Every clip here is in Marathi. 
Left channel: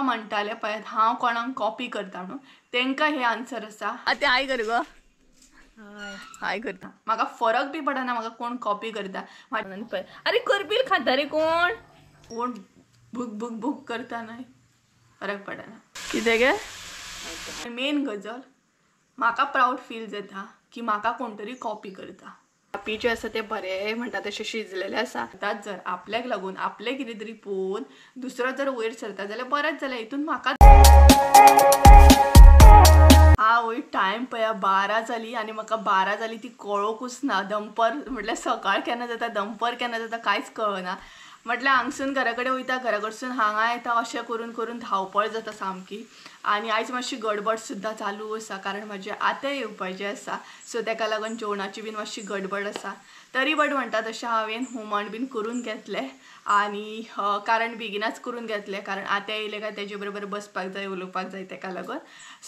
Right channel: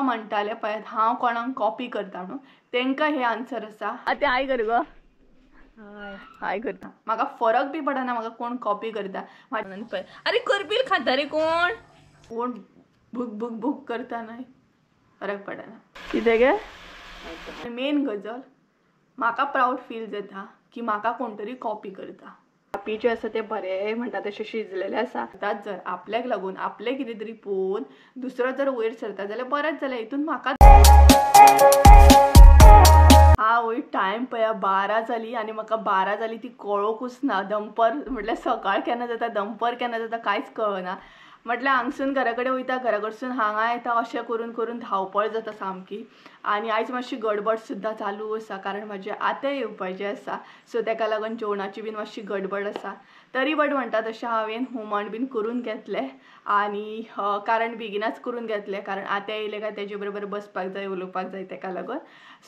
म्हाका म्हणटाले पळय हांव कोणाक कॉपी करता म्हणून तांकां हे आन्सर आसा ते हाय कर गो हाय करता म्हाका फरक बी पडना म्हाका कोण कॉपी करता पळय अरे करपील खाता रे कोण कोण भूक भूक भूक करता नाही फरक पडना कितें गे मेन गजल म्हाका प्राऊड फील जाता की म्हाका कोण तरी कॉपी करता कॉपी जे आसा ते बरे म्हणटा तशें शिजलेले आसा जर आपल्याक लागून आपले कितें तरी पळोवन दुसरो जर वयर सरता जाल्यार बरेंच जाल्यार हितून म्हाका वय टायम पळया 12 जाली आनी म्हाका 12 जाली ती कळोकूच ना दनपार म्हटल्यार सकाळ केन्ना जाता दनपार केन्ना जाता कांयच कळना म्हटल्यार हांगसून घरा कडेन वयता घरा कडसून हांगा येता अशें करून करून धांवपळ जाता सामकी आनी आयज मातशी गडबड सुद्दां चालू आसा कारण म्हाजे आते येवपाचे आसा सो ताका लागून जेवणाची बीन मातशी गडबड आसा तरी बट म्हणटा तशें हांवें हुमण बीन करून घेतलें आनी कारण बेगिनाच करून घेतलें कारण आते येयले काय तेजे बरोबर बसपाक जाय उलोवपाक जाय ताका लागून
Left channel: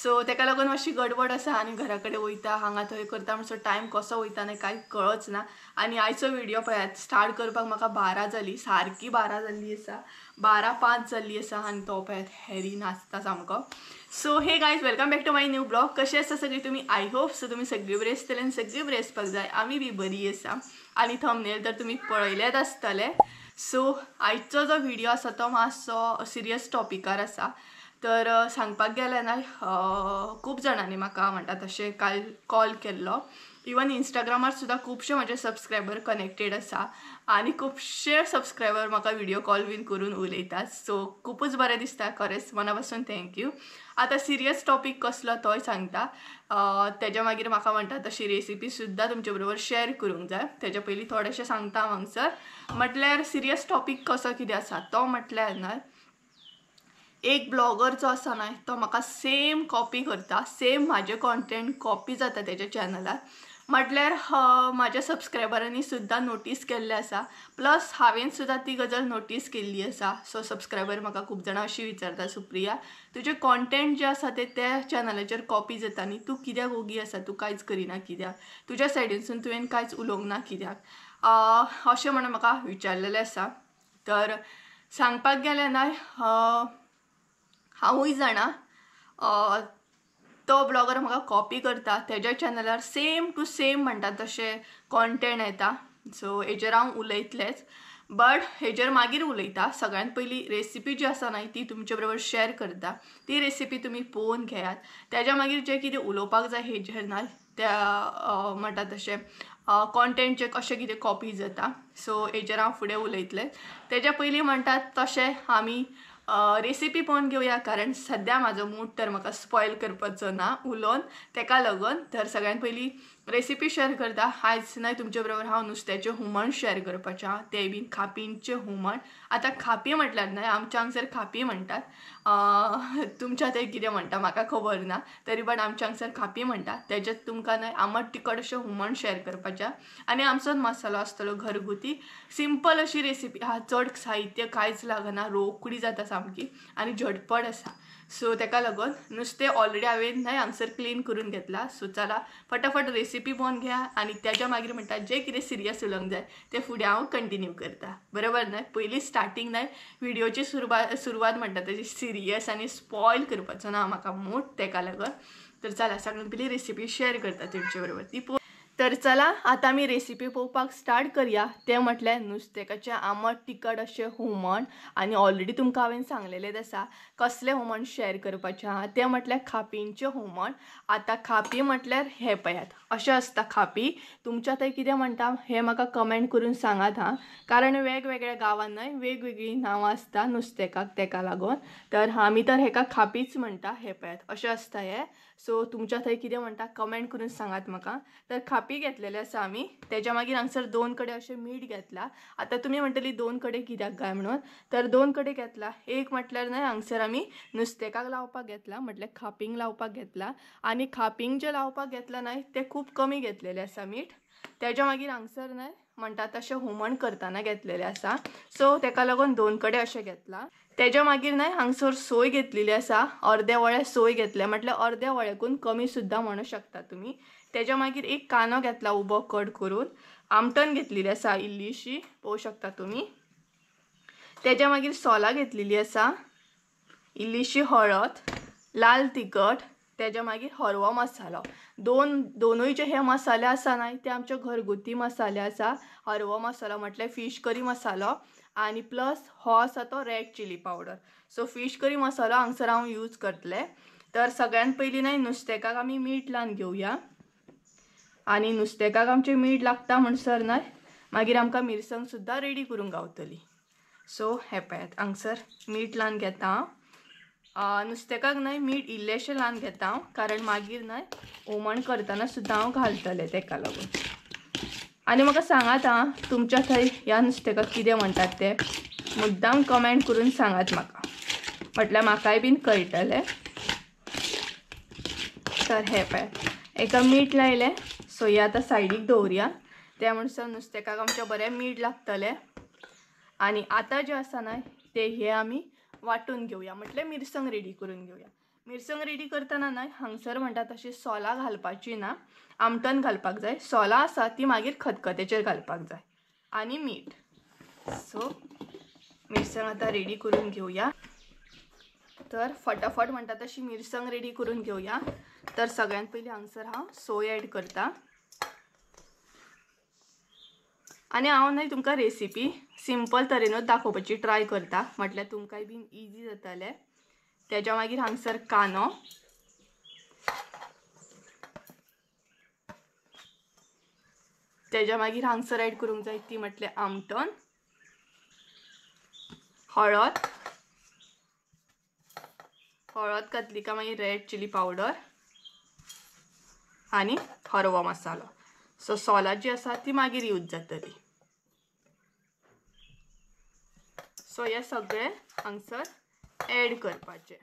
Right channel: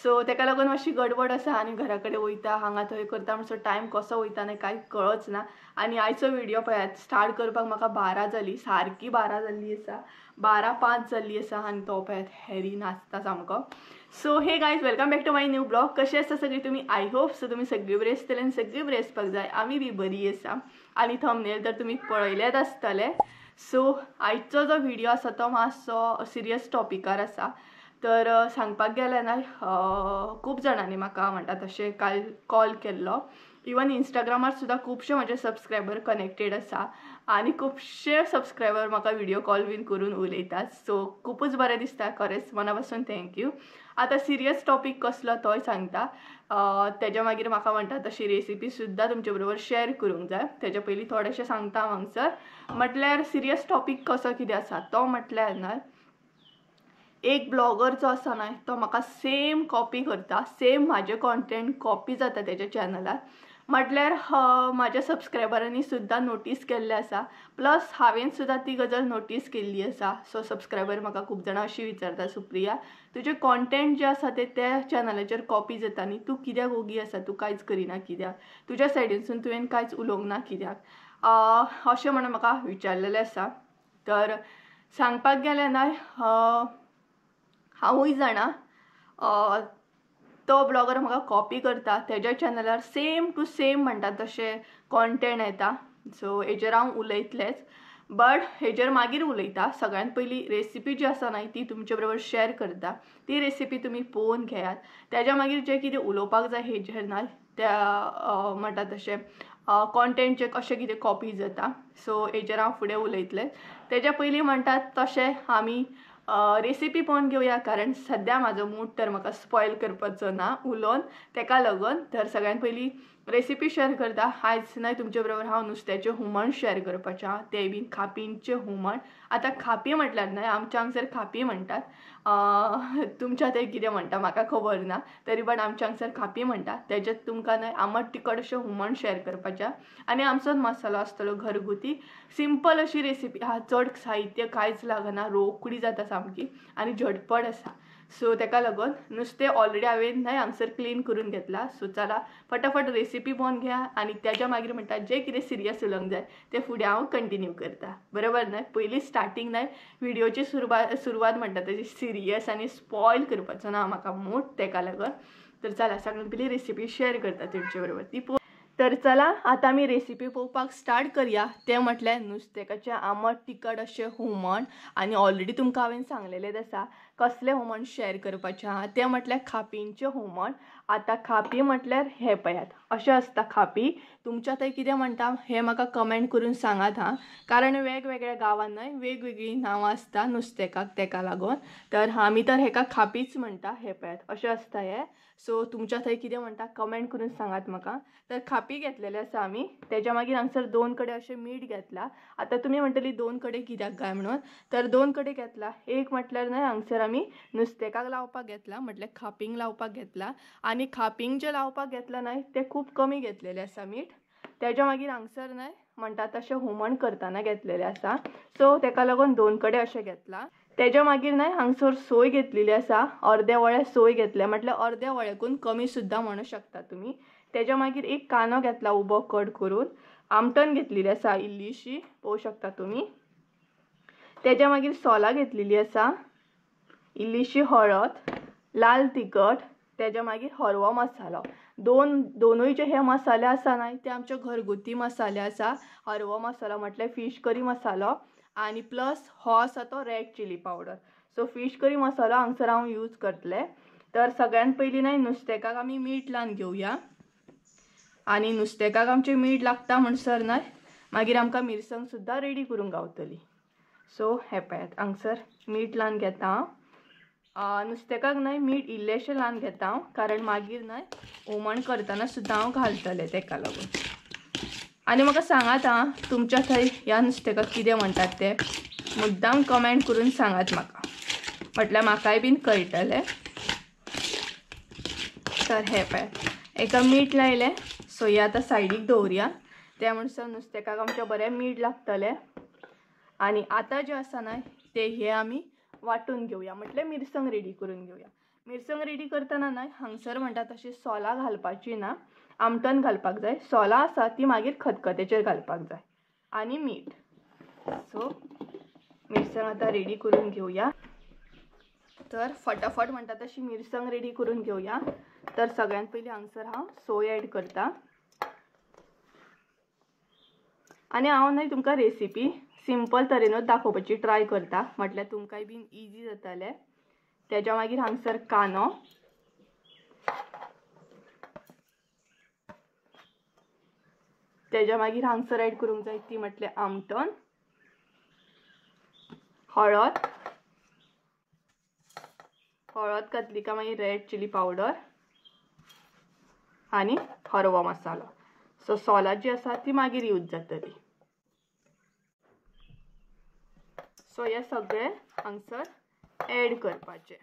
सो ताका लागून मातशी गडबड आसा आनी घरा कडेन वयता हांगा थंय करता म्हणसर टायम कसो वयता आनी कांय कळच ना आनी आयचो व्हिडिओ पळयात स्टार्ट करपाक म्हाका 12 जाली सारकी 12 जाल्ली आसा 12:05 जाल्ली आसा आनी तो पळयात हॅरी नाचता सामको so hey guys welcome back to my new blog कशें आसा सगळीं तुमी आय होप सो तुमी सगळीं बरी आसतली आनी सगळीं बरी आसपाक जाय आमी बी बरी आसा आनी थंबनेल तर तुमी पळयलेच आसतले सो आयचो जो व्हिडिओ आसा तो मातसो सिरियस टॉपिकार आसा तर सांगपाक गेल्यार ना खूब जाणांनी म्हाका म्हणटा तशें काल कॉल केल्लो इवन इंस्टाग्रामार सुद्दां खुबशे म्हजे सबस्क्रायबर कनेक्टेड आसा आनी खुबशे सबस्क्रायबर म्हाका व्हिडिओ कॉल बीन करून उलयतात सो खूबच बरें दिसता खरेंच मना पासून थँक्यू आतां सिरियस टॉपीक कसलो तोय सांगता तेज्या मागीर म्हाका म्हणटा तशी रेसिपी सुद्दां तुमचे बरोबर शेअर करूंक जाय तेज्या पयलीं थोडेशें सांगता हांगसर म्हटल्यार सिरियस टॉपीक कसो कितें आसा तो म्हटल्यार ना एक ब्लॉगर जो आसा ना तो म्हाका सेम कॉपी करता सेम म्हाजे कॉन्टेंट कॉपी जाता तेज्या चॅनलार म्हटल्यार म्हाज्या सबस्क्रायबरांनी सुद्दां नोटीस केल्लें आसा प्लस हांवें सुद्दां ती गजाल नोटीस केल्ली आसा सो सबस्क्रायबर म्हाका खूब जाणां अशी विचारता सुप्रिया तुजें कॉन्टेंट जें आसा तें त्या चॅनलाचेर कॉपी जाता न्ही तूं कित्याक ओगी आसा तूं कांयच करिना कित्याक तुज्या सायडीनसून तुवें कांयच उलोवंक ना कित्याक अशें म्हणून म्हाका विचारलेलें आसा तर सांगपाक गेलें ना हांवूय जाणा तो ब्लॉगर म्हाका कॉपी करता तेज्या चॅनलार सेम टू सेम म्हणटा तशें कॉन्टेंट येता सो हेजेर हांव उलयतलेंच बट हेजेर मागीर उलयता सगळ्यांत पयलीं रेसिपी जी आसा न्हय ती तुमचे बरोबर शेअर करता ती रेसिपी तुमी पळोवन घेयात तेज्या मागीर जें कितें उलोवपाक जाय हेजेर ना त्या म्हणटा तशें कॉन्टेंट जें कशें कितें कॉपी जाता सो हेजेर हांव फुडें उलयतलें तेज्या पयलीं म्हणटात तशें आमी रेसिपी पळोवन घेवया कारण सद्या म्हाजो मूड तर म्हाका स्पॉयल करपाचो ना उलोवन ताका लागून तर सगळ्यांत पयलीं रेसिपी शेअर करता आयज न्हय तुमचे बरोबर हांव नुस्त्याचें हुमण शेअर करपाचें तें बीन खापींचें हुमण आतां खापी म्हटल्यार न्हय आमच्या हांगसर खापी म्हणटात तुमच्या थंय कितें म्हणटा म्हाका खबर ना तरी पण आमच्या हांगसर खापी म्हणटा तेजेंच तुमकां न्हय आमट तिखट अशें हुमण शेअर करपाचें आनी आमचोच मसालो आसतलो घरगुती सिंपल अशी रेसिपी आहा चड साहित्य कांयच लागना रोखडी जाता सामकी आनी झटपट आसा सो ताका लागून नुस्तें ऑलरेडी हांवें न्हय हांगसर क्लीन करून घेतला सो चला फटाफट रेसिपी पळोवन घ्या आनी तेज्या मागीर म्हणटा जें कितें सिरियस उलोवंक जाय तें फुडें हांव कंटिन्यू करता बरोबर न्हय पयलीं स्टार्टींग न्हय व्हिडिओची सुरवात म्हणटा तेजी सिरियस आनी स्पॉयल करपाचो ना म्हाका मूड ताका लागून तर चला सगळ्यांत पयलीं रेसिपी शेअर करता तेंचे बरोबर ती तर चला आता आमी रेसिपी पळोवपाक स्टार्ट करूया तें म्हटल्यार नुस्तेकाचें आमट तिखट अशें हुमण आनी ऑलरेडी तुमकां हांवें सांगलेलेंच आसा कसलें हुमण शेअर करपाचें आहा तें म्हटल्यार खापींचें हुमण आतां खापी म्हटल्यार हें पळयात अशें आसता खापी तुमच्या थंय कितें म्हणटा हें म्हाका कमेंट करून सांगात हां कारण वेगवेगळ्या गांवांत न्हय वेगवेगळीं नांवां आसता नुस्तेकाक ताका लागून तर आमी तर हेका खापीच म्हणटा हें पळयात अशें आसता हें सो तुमच्या थंय कितें म्हणटा कमेंट करून सांगात म्हाका तर खापी घेतलेले आसा आमी तेज्या मागीर हांगसर 2 कडे अशें मीठ घेतला आतां तुमी म्हणटली 2 कडे कित्याक काय म्हणून तर 2 कडे घेतला एक म्हटल्यार न्हय हांगसर आमी नुस्तेकाक लावपाक घेतला म्हटल्यार खापींक लावपाक घेतला आनी खापींक जें लावपाक घेतला न्हय तें खूब कमी घेतलेलें आसा मीठ तेज्या मागीर हांगसर न्हय म्हणटा तशें हुमण करतना घेतलेलें आसा सो ताका लागून 2 कडे अशें घेतला तेज्या मागीर न्हय हांगसर सोय घेतलेली आसा अर्दे वळे सोय घेतले म्हटल्यार अर्दे वळेकून कमी सुद्दां म्हणू शकता तुमी तेज्या मागीर एक कांदो घेतला उबो कट करून आमटण घेतलेली आसा इल्लीशी पळोवंक शकता तुमी तेज्या मागीर सोलां घेतलेली आसा इल्लीशी हळद, लाल तिखट, त्याच्या मागीर हरवो मसालो. दोनूय जे हे मसाले आसा न्हय ते आमचे घरगुती मसाले आसा. हरवो मसालो म्हटल्यार फिश करी मसालो आणि प्लस हो आसा तो red chilli powder. So fish curry मसालो हांगसर हांव यूज करतले. तर सगळ्यात पयलीं न्हय नुस्तेकाक आमी मीठ लावन घेवया. आणि नुस्तेकाक आमचे मीठ लागता म्हणसर न्हय मागीर आमकां मिरसांग सुद्दां रेडी करूंक गावतली. सो हे पळयात हांगसर मीठ लावन घेता हांव. नुस्तेकाक न्हय मीठ इल्लेशें लावन घेता हांव, कारण मागीर न्हय हुमण करतना सुद्दां हांव घालतलें तेका लागून. आनी म्हाका सांगात तुमच्या थंय ह्या नुस्तेकाक कितें म्हणटात ते मुद्दाम कमेंट करून सांगात म्हाका, म्हटल्यार म्हाकाय बीन कळटलें. तर हे पळय एका मीठ लायलें. सो हे आतां सायडीक दवरया. त्या म्हणसर नुस्तेकाक आमच्या बरें मीठ लागतलें. आणि आता जे आसा न्हय ते हे आमी वाटून घेवया, म्हटल्यार मिरसांग रेडी करून घेवया. मिरसांग रेडी करतना न्हय हांगसर म्हणटा तशी सोलां घालपाची ना, आमटन घालपाक जाय. सोलां आसा ती मागीर खतखत्याचेर घालपाक जाय आणि मीठ. सो मिरसांग आता रेडी करून घेवया. तर फटाफट म्हणटा तशी मिरसांग रेडी करून घेवया. तर सगळ्यात पयलीं हांगसर हांव सोय ॲड करता. आणि हांव न्हय तुमकां रेसिपी सिंपल तरेनूच दाखोवपाची ट्राय करता, म्हटल्यार तुमकांय बीन इजी जातलें. त्याच्या मागीर हांगसर कांदो, त्याच्या मागीर हांगसर ॲड करूंक जाय ती म्हटल्यार आमटण, हळद घातली काय मागीर रेड चिली पावडर आणि हरवो मसालो. सो सोलां जी आसा ती मागीर यूज जातली. सो हे सगळे हांगसर ॲड करपाचे.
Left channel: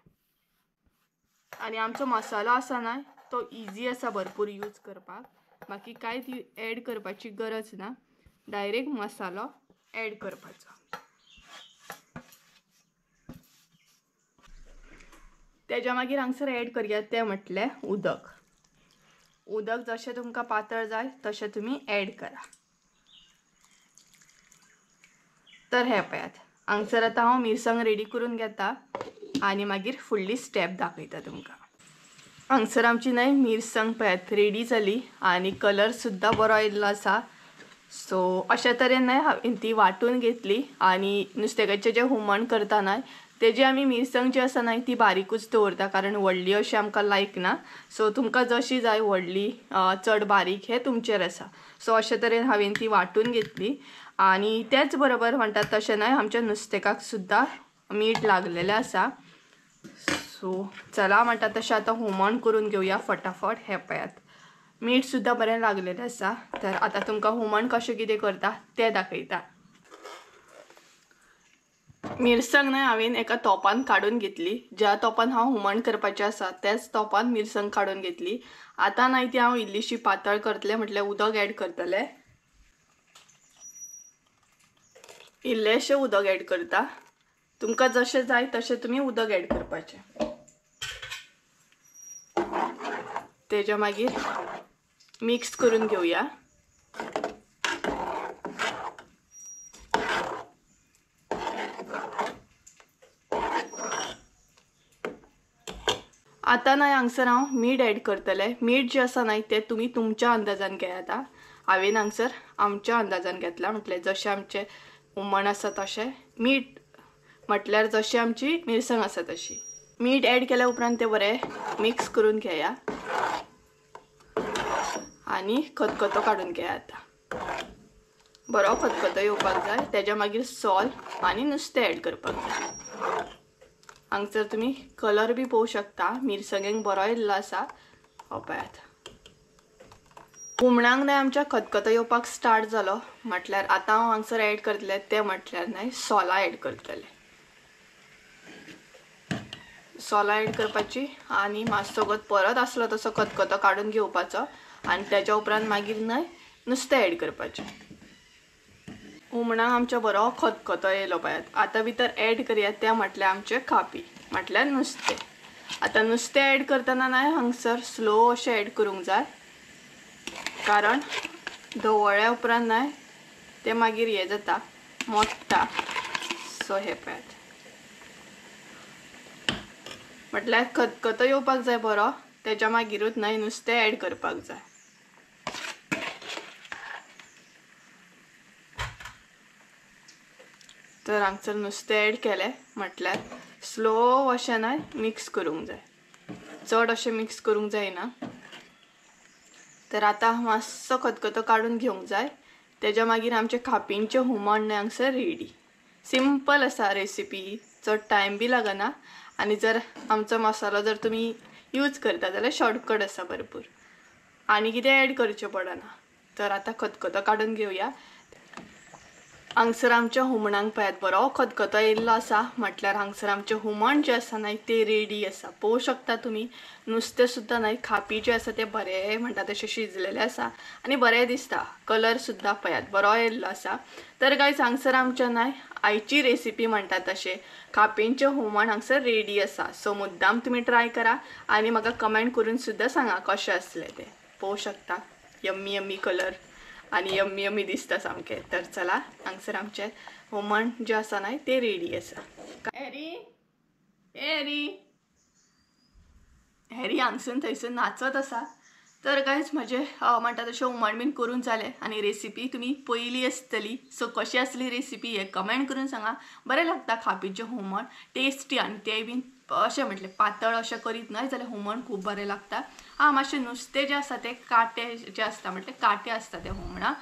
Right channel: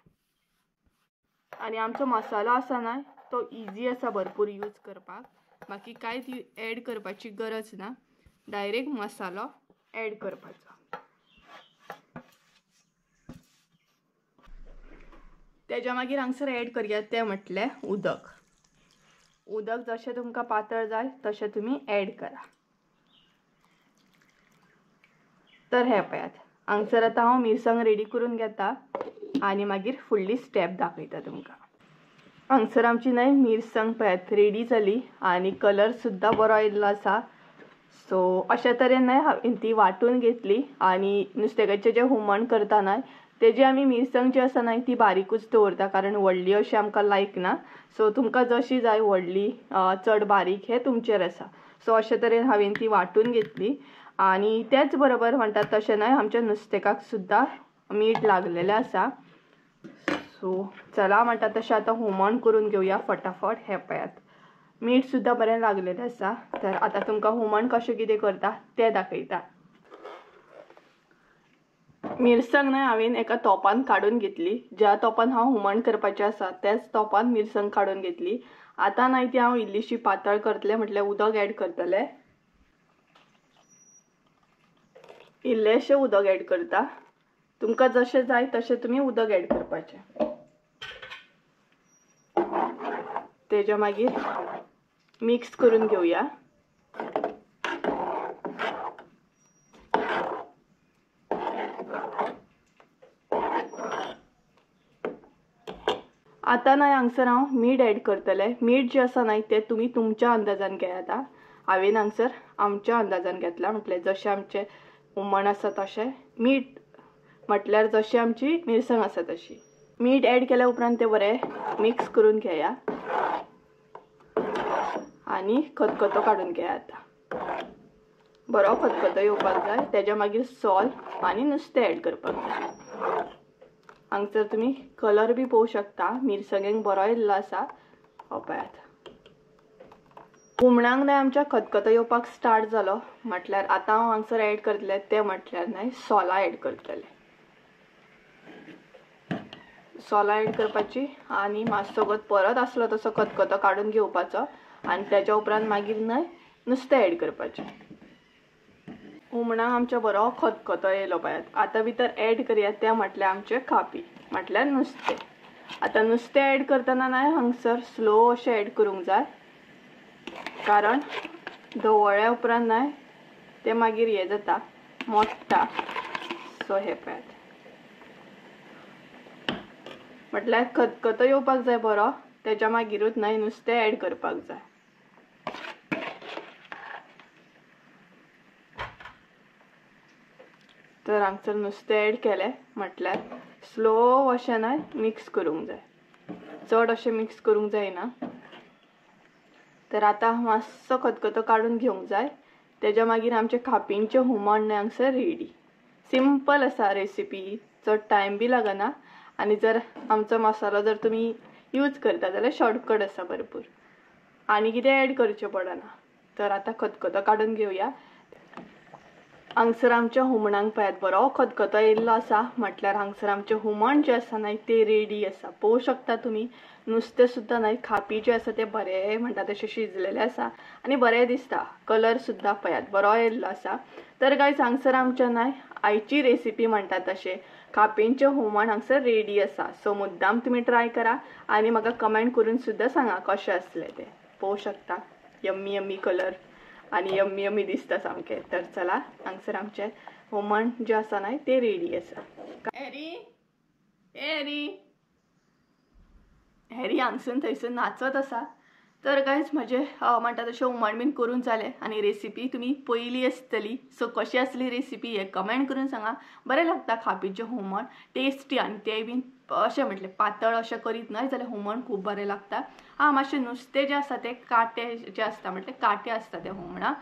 आणि आमचो मसालो आसा न्हय तो इजी आसा भरपूर यूज करपाक. बाकी कांयच ॲड करपाची गरज ना, डायरेक्ट मसालो ॲड करपाचो. त्याच्या मागीर हांगसर ॲड करया ते म्हटल्यार उदक. जशें तुमकां पातळ जाय तशें तुमी ॲड करा. तर हे पळयात हांगसर आतां हांव मिरसांग रेडी करून घेता आणि मागीर फुडली स्टेप दाखयता तुमकां. हांगसर आमची न्हय मिरसांग पळयात रेडी जाली आणि कलर सुद्दां बरो येयल्लो आसा. सो अशा तरेन न्हय हांवें ती वाटून घेतली. आणि नुस्तेकाचें जें हुमण करता न्हय तेजी आमी मिरसांग जी आसा न्हय ती बारीकूच दवरता, कारण व्हडली अशी आमकां लायक ना. सो तुमकां जशी जाय व्हडली चड बारीक हें तुमचेर आसा. सो अशा तरेन हांवें ती वाटून घेतली. आणि त्याच बरोबर म्हणटात तशें न्हय आमच्या नुस्तेकाक सुद्दां मीठ लागलेलें आसा. सो चला म्हणटा तशें आतां हुमण करून घेवया फटाफट. हे पळयात मीठ सुद्दां बरें लागलेलें आसा. तर आतां तुमकां हुमण कशें कितें करता तें दाखयता. मिरसांग न्हय हांवें एका तोपान काडून घेतली. ज्या तोपान हांव हुमण करपाचें आसा त्याच तोपान मिरसांग काडून घेतली. आतां न्हय ती हांव इल्लीशी पातळ करतलें, म्हटल्यार उदक ॲड करतलें. इल्लेशें उदक ॲड करता. तुमकां जशें जाय तशें तुमी उदक ॲड करपाचें. तेच्या मागीर मिक्स करून घेवया. आता न्हय हांगसर हांव मीठ ॲड करतलें. मीठ जें आसा न्हय तें तुमी तुमच्या अंदाजान घेयात. हांवें हांगसर आमच्या अंदाजान घेतला, म्हटल्यार जशें आमचें हुमण आसा तशें. मीठ म्हटल्यार जशी आमची मिरसांग आसा तशी. मीठ ॲड केल्या उपरांत तें बरें मिक्स करून घेया आणि खतखतो काडून घेया. आतां बरो खतखतो येवपाक जाय. तेच्या मागीर सॉल्ट आणि नुस्तें ॲड करपाक जाय. हांगसर तुमी कलर बी पळोवंक शकता, मिरसांगेक बरो येयल्लो आसा. पळयात हुमणाक न्हय आमच्या खतखतो येवपाक स्टार्ट जालो, म्हटल्यार आतां हांव हांगसर ॲड करतलें तें म्हटल्यार न्हय सोलां ॲड करतलें. सोलां ॲड करपाची आणि मातसोगत परत आसलो तसो खतखतो काडून घेवपाचो. आणि त्याच्या उपरांत मागीर न्हय नुस्तें ॲड करपाचें. हुमणाक आमच्या बरो खतखतो येयलो पळयात. आतां भितर ॲड करया तें म्हटल्यार आमचें कापी, म्हटल्यार नुस्तें. आतां नुस्तें ॲड करतना न्हय हांगसर स्लो अशें ॲड करूंक जाय, कारण धवळ्या उपरांत न्हय तें मागीर हें जाता मोडटा. सो हे पळयात म्हटल्यार खतखतो येवपाक जाय बरो, तेच्या मागीरूच न्हय नुस्तें ॲड करपाक जाय. तर हांगसर नुस्तें ॲड केलें म्हटल्यार स्लो अशें न्हय मिक्स करूंक जाय, चड अशें मिक्स करूंक जायना. तर आतां मातसो खतखतो काडून घेवंक जाय. तेच्या मागीर आमचें खापींचें हुमण न्हय हांगसर रेडी. सिंपल आसा रेसिपी, चड टायम बी लागना. आनी जर आमचो मसालो जर तुमी यूज करता जाल्यार शॉर्टकट आसा भरपूर, आनी कितें ॲड करचें पडना. तर आतां खतखतो काडून घेवया. हांगसर आमच्या हुमणाक पळयात बरो खतखतो येयल्लो आसा, म्हटल्यार हांगसर आमचें हुमण जें आसा न्हय तें रेडी आसा. पळोवंक शकता तुमी नुस्तें सुद्दां न्हय खापी जें आसा तें बरें म्हणटा तशें शिजलेलें आसा आनी बरें दिसता. कलर सुद्दां पळयात बरो येयल्लो आसा. तर गायज हांगसर आमच्या न्हय आयची रेसिपी म्हणटा तशें खापींचें हुमण हांगसर रेडी आसा. सो मुद्दाम तुमी ट्राय करा आनी म्हाका कमेंट करून सुद्दां सांगा कशें आसलें तें. पळोवंक शकता यम्मी यम्मी कलर आनी यम्मी यम्मी दिसता सामकें. तर चला हांगसर आमचें हुमण जें आसा न्हय तें रेडी आसा. हॅरी हॅरी हॅरी हांगसून थंयसून नाचत आसा. तर गायज म्हजें म्हणटा तशें हुमण बीन करून जालें आनी रेसिपी तुमी पयली आसतली. सो कशी आसली रेसिपी हें कमेंट करून सांगा. बरें लागता खापीचें हुमण, टेस्टी आनी तें बीन अशें म्हटलें पातळ अशें करीत न्हय जाल्यार हुमण खूब बरें लागता. मातशें नुस्तें जें आसा तें काटे जें आसता म्हटल्यार काटे आसता त्या हुमणाक.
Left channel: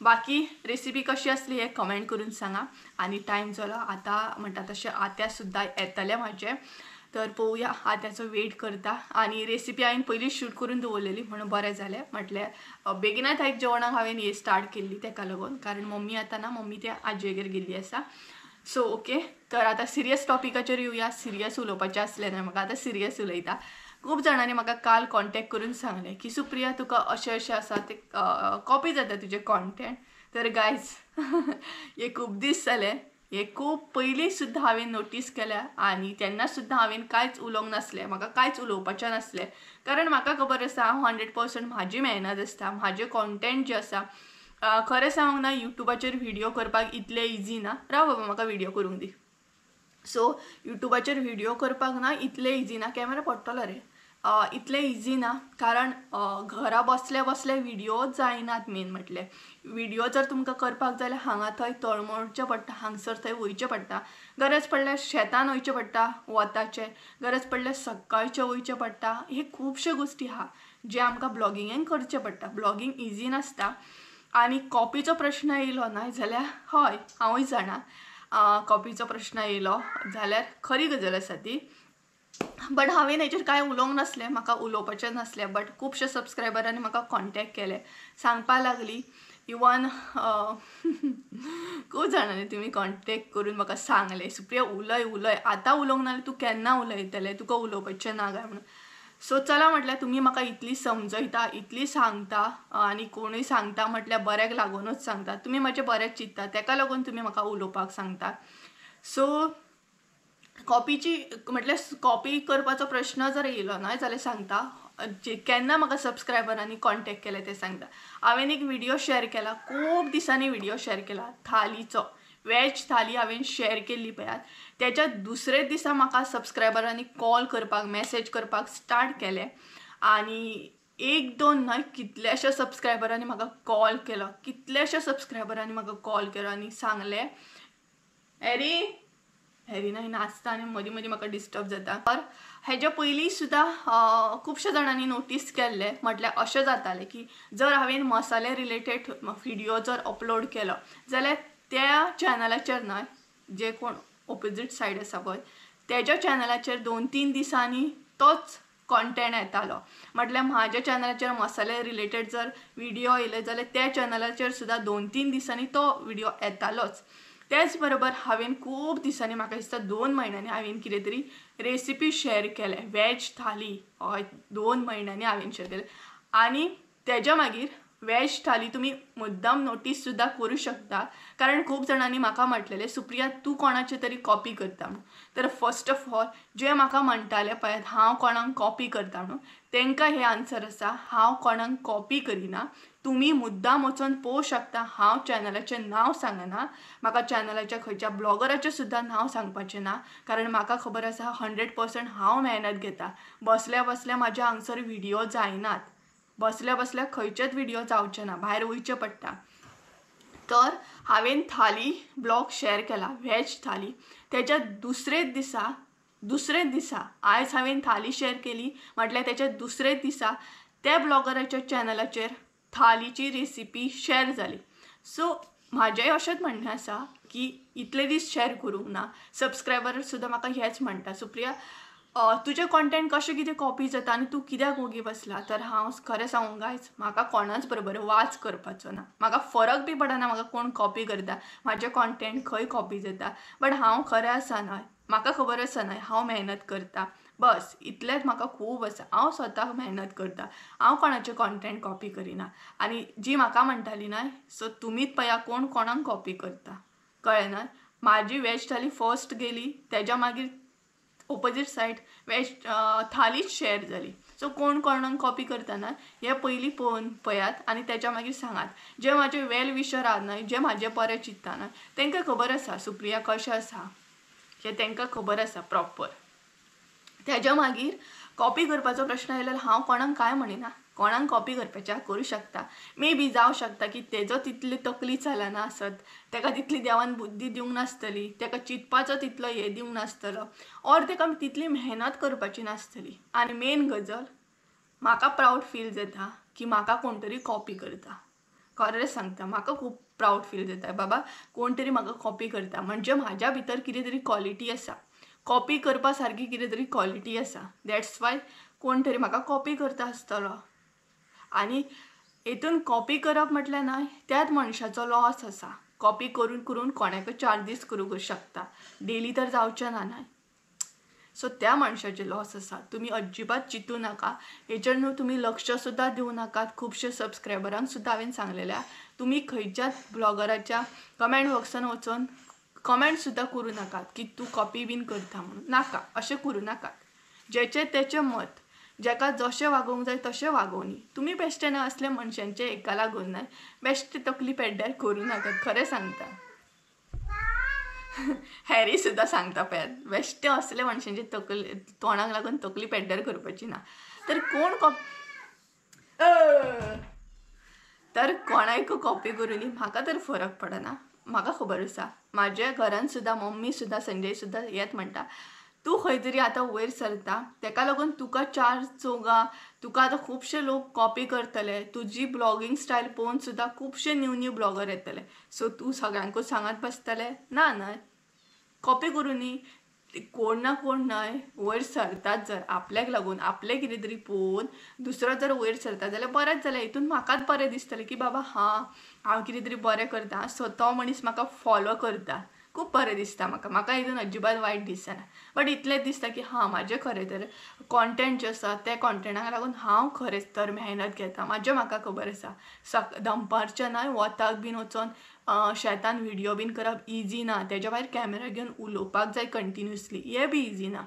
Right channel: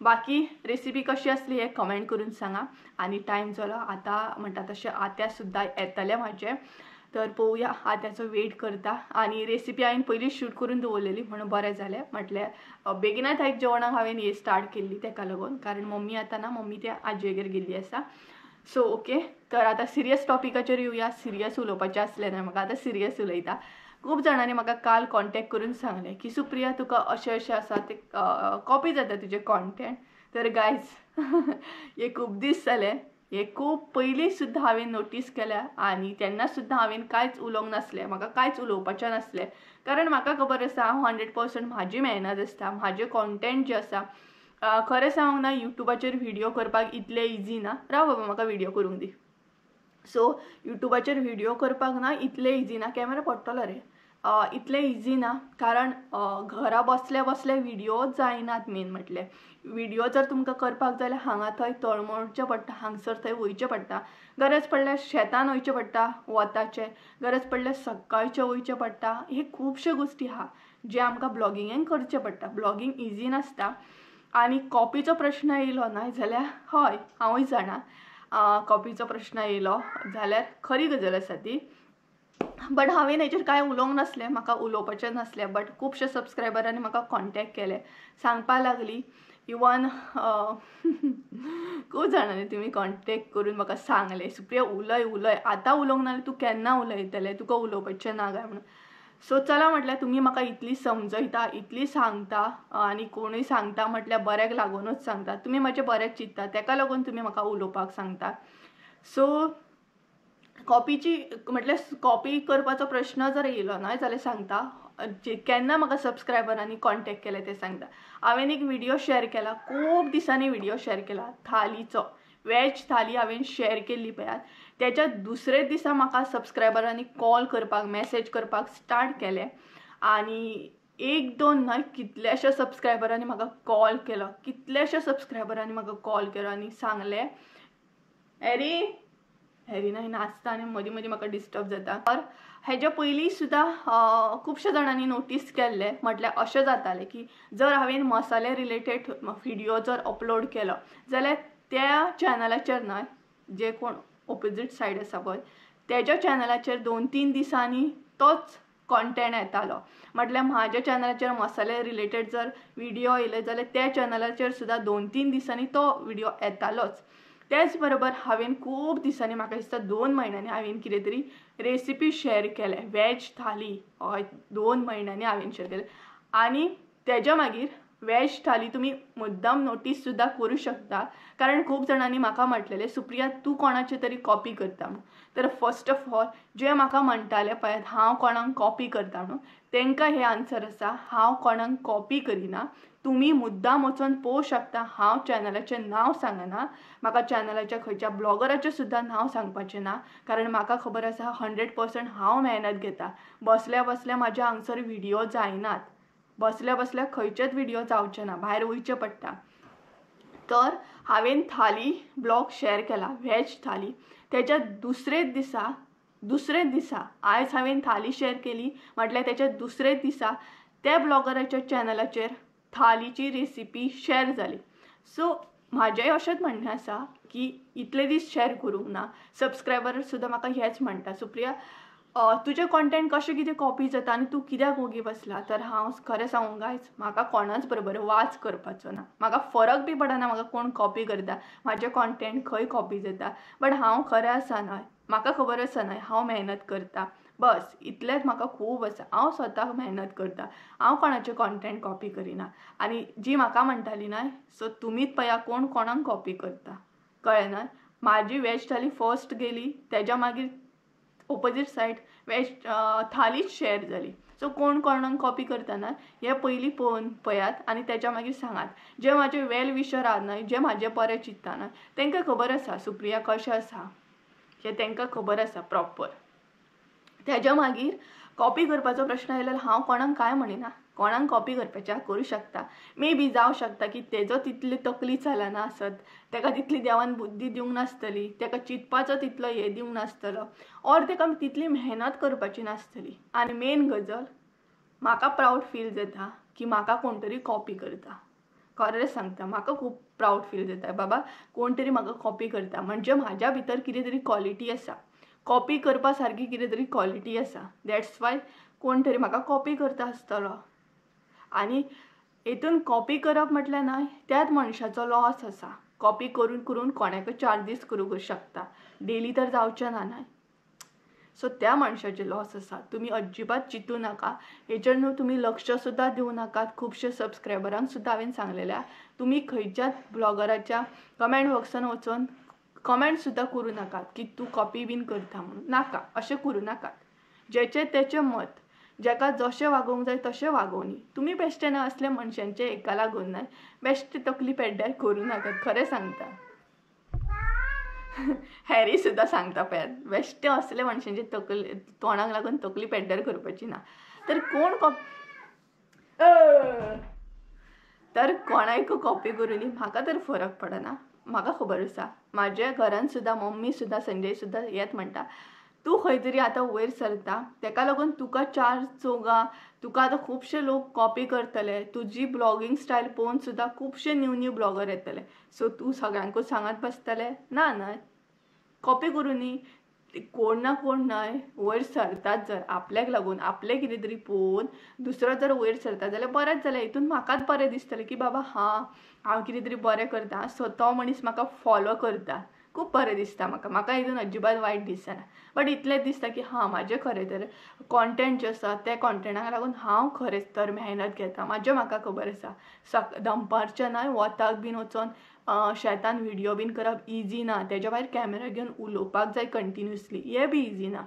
बाकी रेसिपी कशी आसली हें कमेंट करून सांगा. आनी टायम जालो आतां म्हणटा तशें आत्या सुद्दां येतलें म्हाजें. तर पळोवया आत्याचो वेट करता. आनी रेसिपी हांवें पयलीं शूट करून दवरलेली म्हणून बरें जालें. म्हटल्यार बेगिनाच आयज जेवणाक हांवें ही स्टार्ट केल्ली तेका लागून, कारण मम्मी आतां ना, मम्मी त्या आजयेगेर गेल्ली आसा. सो ओके, तर आतां सिरियस टॉपिकाचेर येवया. सिरियस उलोवपाचें आसलें न्हय म्हाका, आतां सिरियस उलयता. खूब जाणांनी म्हाका काल कॉन्टेक्ट करून सांगलें की सुप्रिया तुका अशें अशें आसा तें कॉपी जाता तुजें कॉन्टेंट. तर गायज हे खूब दीस जाले, हे खूब पयलीं सुद्दां हांवें नोटीस केल्या आनी तेन्ना सुद्दां हांवें कांयच उलोवंक नासलें, म्हाका कांयच उलोवपाचें नासलें. कारण म्हाका खबर आसा हांव 100% म्हाजी मेहनत आसता, म्हाजें कॉन्टेंट जें आसा. खरें सांगूंक ना युट्यूबाचेर व्हिडिओ करपाक इतलें इजी ना. राव बाबा म्हाका व्हिडिओ करूंक दी. सो युट्यूबाचेर व्हिडिओ करपाक ना इतलें इजी ना. कॅमेरा पडटलो रे. इतलें इजी ना, कारण घरा बसले बसले व्हिडिओ जायनात. मेन म्हटल्यार व्हिडिओ जर तुमकां करपाक जाल्यार हांगा थंय तळमळचें पडटा, हांगसर थंय वयचें पडटा. गरज पडल्यार शेतान वयचें पडटा वताचें, गरज पडल्यार सकाळचें वयचें पडटा. हे खुबश्यो गोश्टी आहा जे आमकां ब्लॉगिंगेन करचें पडटा. ब्लॉगिंग इजी नासता. आनी कॉपीचो प्रश्न येयलो न्हय जाल्यार हय हांवूय जाणा कॉपीचो प्रश्न येयलो जाल्यार खरी गजाल आसा ती. बट हांवें हेचेर कांय उलोवंक नासलें, म्हाका उलोवपाचें नासलें. बट खुबशे सबस्क्रायबरांनी म्हाका कॉन्टेक्ट केलें, सांगपाक लागलीं. इवन खूब जाणांनी तुमी कॉन्टेक्ट करून म्हाका सांगलें सुप्रिया उलय उलय, आतां उलोवंक ना तूं केन्ना उलयतलें, तुका उलोवपाचें ना काय म्हणून. सो चला म्हटल्यार तुमी म्हाका इतली समजयता, इतली सांगता आनी कोणूय सांगता म्हटल्यार बऱ्याक लागूनच सांगता. तुमी म्हजें बरेंच चिंतता, तेका लागून तुमी म्हाका उलोवपाक सांगता. सो कॉपीची म्हटल्यार कॉपी करपाचो प्रश्न जर येयलो न्हय जाल्यार सांगता. केन्ना म्हाका सबस्क्रायबरांनी कॉन्टेक्ट केलें तें सांगता. हांवें एक व्हिडिओ शेअर केला, खूब दिसांनी व्हिडिओ शेअर केला थालीचो. वॅज थाली हांवें शेअर केल्ली पळयात. त्याच्या दुसरे दिसा म्हाका सबस्क्रायबरांनी कॉल करपाक, मॅसेज करपाक स्टार्ट केलें. आनी एक दोन न्हय कितल्याश्या सबस्क्रायबरांनी म्हाका कॉल केलो, कितल्याश्या सबस्क्रायबरांनी म्हाका कॉल केलो आनी सांगलें हॅरी हॅरी न्हय नाचता आनी मदीं मदीं म्हाका डिस्टर्ब जाता. तर हेज्या पयलीं सुद्दां खुबश्या जाणांनी नोटीस केल्लें, म्हटल्यार अशें जातालें की जर हांवें मसाले रिलेटेड व्हिडिओ जर अपलोड केलो जाल्यार त्या चॅनलाचेर न्हय, जे कोण ऑपोजीट सायड आसा पळय तेज्या चॅनलाचेर 2-3 दिसांनी तोच कॉन्टेंट येतालो. म्हटल्यार म्हाज्या चॅनलाचेर मसाले रिलेटेड जर व्हिडिओ येयले जाल्यार त्या चॅनलाचेर सुद्दां 2-3 दिसांनी तो व्हिडिओ येतालोच. त्याच बरोबर हांवें खूब दिसांनी, म्हाका दिसता 2 म्हयन्यांनी हांवें कितें तरी रेसिपी शेअर केलें, वॅज थाली. हय 2 म्हयन्यांनी हांवें शेअर केलें. आनी तेज्या मागीर वेज थाली तुम्ही मुद्दाम नोटीस सुद्धा करू शकता, कारण खूप जणांनी म्हाका म्हटलेले सुप्रिया तू कोणाचे तरी कॉपी करता म्हणून. तर फर्स्ट ऑफ ऑल जे म्हाका म्हणटाले पळय हांव कोणाक कॉपी करता म्हणून, तांकां हे आन्सर आसा, हांव कोणाक कॉपी करिना. तुम्ही मुद्दाम वचून पळोवंक शकता, हांव चॅनलाचें नांव सांगना, म्हाका चॅनलाच्या खंयच्या ब्लॉगराचें सुद्धा नांव सांगपाचें ना, कारण म्हाका खबर आसा 100% हांव मेहनत घेता. बसल्या बसल्या म्हाज्या हांगसर व्हिडिओ जायनात, बसल्या बसल्या खंयचेच व्हिडिओ जावचे ना, भायर वयचें पडटा. तर हांवें थाली ब्लॉग शेअर केला, व्हेज थाली. त्याच्या दुसरे दिसा आयज हांवें थाली शेअर केली म्हटल्यार त्याच्या दुसरे दिसा त्या ब्लॉगराच्या चॅनलाचेर थालीची रेसिपी शेअर जाली. सो म्हाजेंय अशेंच म्हणणें आसा की इतले दीस शेअर करूंक ना. सबस्क्रायबर सुद्धा म्हाका हेच म्हणटा, सुप्रिया तुझे कॉन्टेंट कशें कितें कॉपी जाता आनी तूं कित्याक वगी बसला. तर हांव खरें सांगूं गायज, म्हाका कोणाच बरोबर वाज करपाचो ना, म्हाका फरक बी पडना म्हाका कोण कॉपी करता, म्हाजें कॉन्टेंट खंय कॉपी जाता. बट हांव खरें आसा न्हय, म्हाका खबर आसा न्हय हांव मेहनत करता, बस इतलेंच म्हाका खूब आसा. हांव स्वताक मेहनत करता, हांव कोणाचें कॉन्टेंट कॉपी करिना. आनी जी म्हाका म्हणटाली न्हय, सो तुमीच पळया कोण कोणाक कॉपी करता, कळ्ळें न्हय. म्हाजी वेज थाली फर्स्ट गेली, तेज्या मागीर ऑपोजीट सायड वेज थालीच शेअर जाली. सो कोण कोणाक कॉपी करतना हे पयलीं पळोवन पळयात आनी तेच्या मागीर सांगात. जे म्हाजे वेल विशर आहा न्हय, जे म्हाजे बरें चित्ता न्हय, तांकां खबर आसा सुप्रिया कशें आसा हें तांकां खबर आसा प्रॉपर. तेज्या मागीर कॉपी करपाचो प्रश्न आयल्यार हांव कोणाक कांय म्हणिना, कोणाक कॉपी करपाचें करूं शकता. मे बी जावं शकता की तेजो तितली तकली चलना आसत, ताका तितली देवान बुद्धी दिवंक नासतली, ताका चिंतपाचो तितलो हे दिवंक नासतलो, ऑर ताका तितली मेहनत करपाची नासतली. आनी मेन गजाल म्हाका प्राऊड फील जाता की म्हाका कोण तरी कॉपी करता. खरें सांगता म्हाका खूब प्राऊड फील जाता, बाबा कोण तरी म्हाका कॉपी करता, म्हणजे म्हाज्या भितर कितें तरी क्वॉलिटी आसा, कॉपी करपा सारकी कितें तरी क्वॉलिटी आसा. दॅट्स वाय कोण तरी म्हाका कॉपी करता आसतलो. आनी हेतून कॉपी करप म्हटल्यार न्हय त्याच मनशाचो लॉस आसा. कॉपी करून करून कोणाकय 4 दीस करूंक शकता, डेली तर जावचें ना न्हय. सो त्या मनशाचे लॉस आसा. तुमी अजिबात चिंतू नाका, हेचेर न्हू तुमी लक्ष सुद्धा दिवं नाकात. खुबशे सबस्क्रायबरांक सुद्धा हांवें सांगलेल्या तुमी खंयच्याच ब्लॉगराच्या कमेंट बॉक्सान वचून कमेंट सुद्धा करूं नाकात की तूं कॉपी बीन करता म्हणून. नाका, अशें करूं नाकात. जेचें तेचें मत, जेका जशें वागोवंक जाय तशें वागोवनी. तुमी बेश्टे न्हय असल्या मनशांचे एका लागून न्हय बेश्टे तकली पेड्ड्यार करूं नाकात. खरें सांगता, हॅरी सुद्धा सांगता पळयात, बेश्टे असले मनशांचे तकली तोंडाक लागून तकली पेड्ड्यार करपाची ना. तर कोण तर कोणाक कॉपी करूनी म्हाका तर फरक पडना. म्हाका खबर आसा, म्हाज्या घरान सुद्धा मम्मी सुद्धा संजय सुद्धा हेच म्हणटा, तूं खंय तरी आतां वयर सरता, ताका लागून तुका 4 चौगा तुका आतां खुबशे लोक कॉपी करतले, तुजी ब्लॉगिंग स्टायल पळोवन सुद्धा खुबशे न्यू ब्लॉगर येतले. सो तूं सगळ्यांकूच सांगत बसतले ना न्हय. कॉपी करूनी कोण ना कोण न्हय वयर सरतात. जर आपल्याक लागून आपले कितें तरी पळोवन दुसरो जर वयर सरता जाल्यार बरेंच जालें. हितून म्हाकाच बरें दिसतलें की बाबा हांव कितें तरी बरें करता, सो तो मनीस म्हाका फॉलो करता, खूब बरें दिसता म्हाका हितून अजिबात वायट दिसना. बट इतलेंच दिसता की म्हाजें खरें तर कॉन्टेंट जें आसा त्या कॉन्टेंटाक लागून हांव खरेंच तर मेहनत घेता. म्हाका खबर आसा दनपारच्या न्हय वताक बीन वचोन शेतान व्हिडिओ बीन करप इजी ना, तेज्या भायर कॅमेरा घेवन उलोवपाक जाय कंटिन्युअसली, हें बी इजी ना.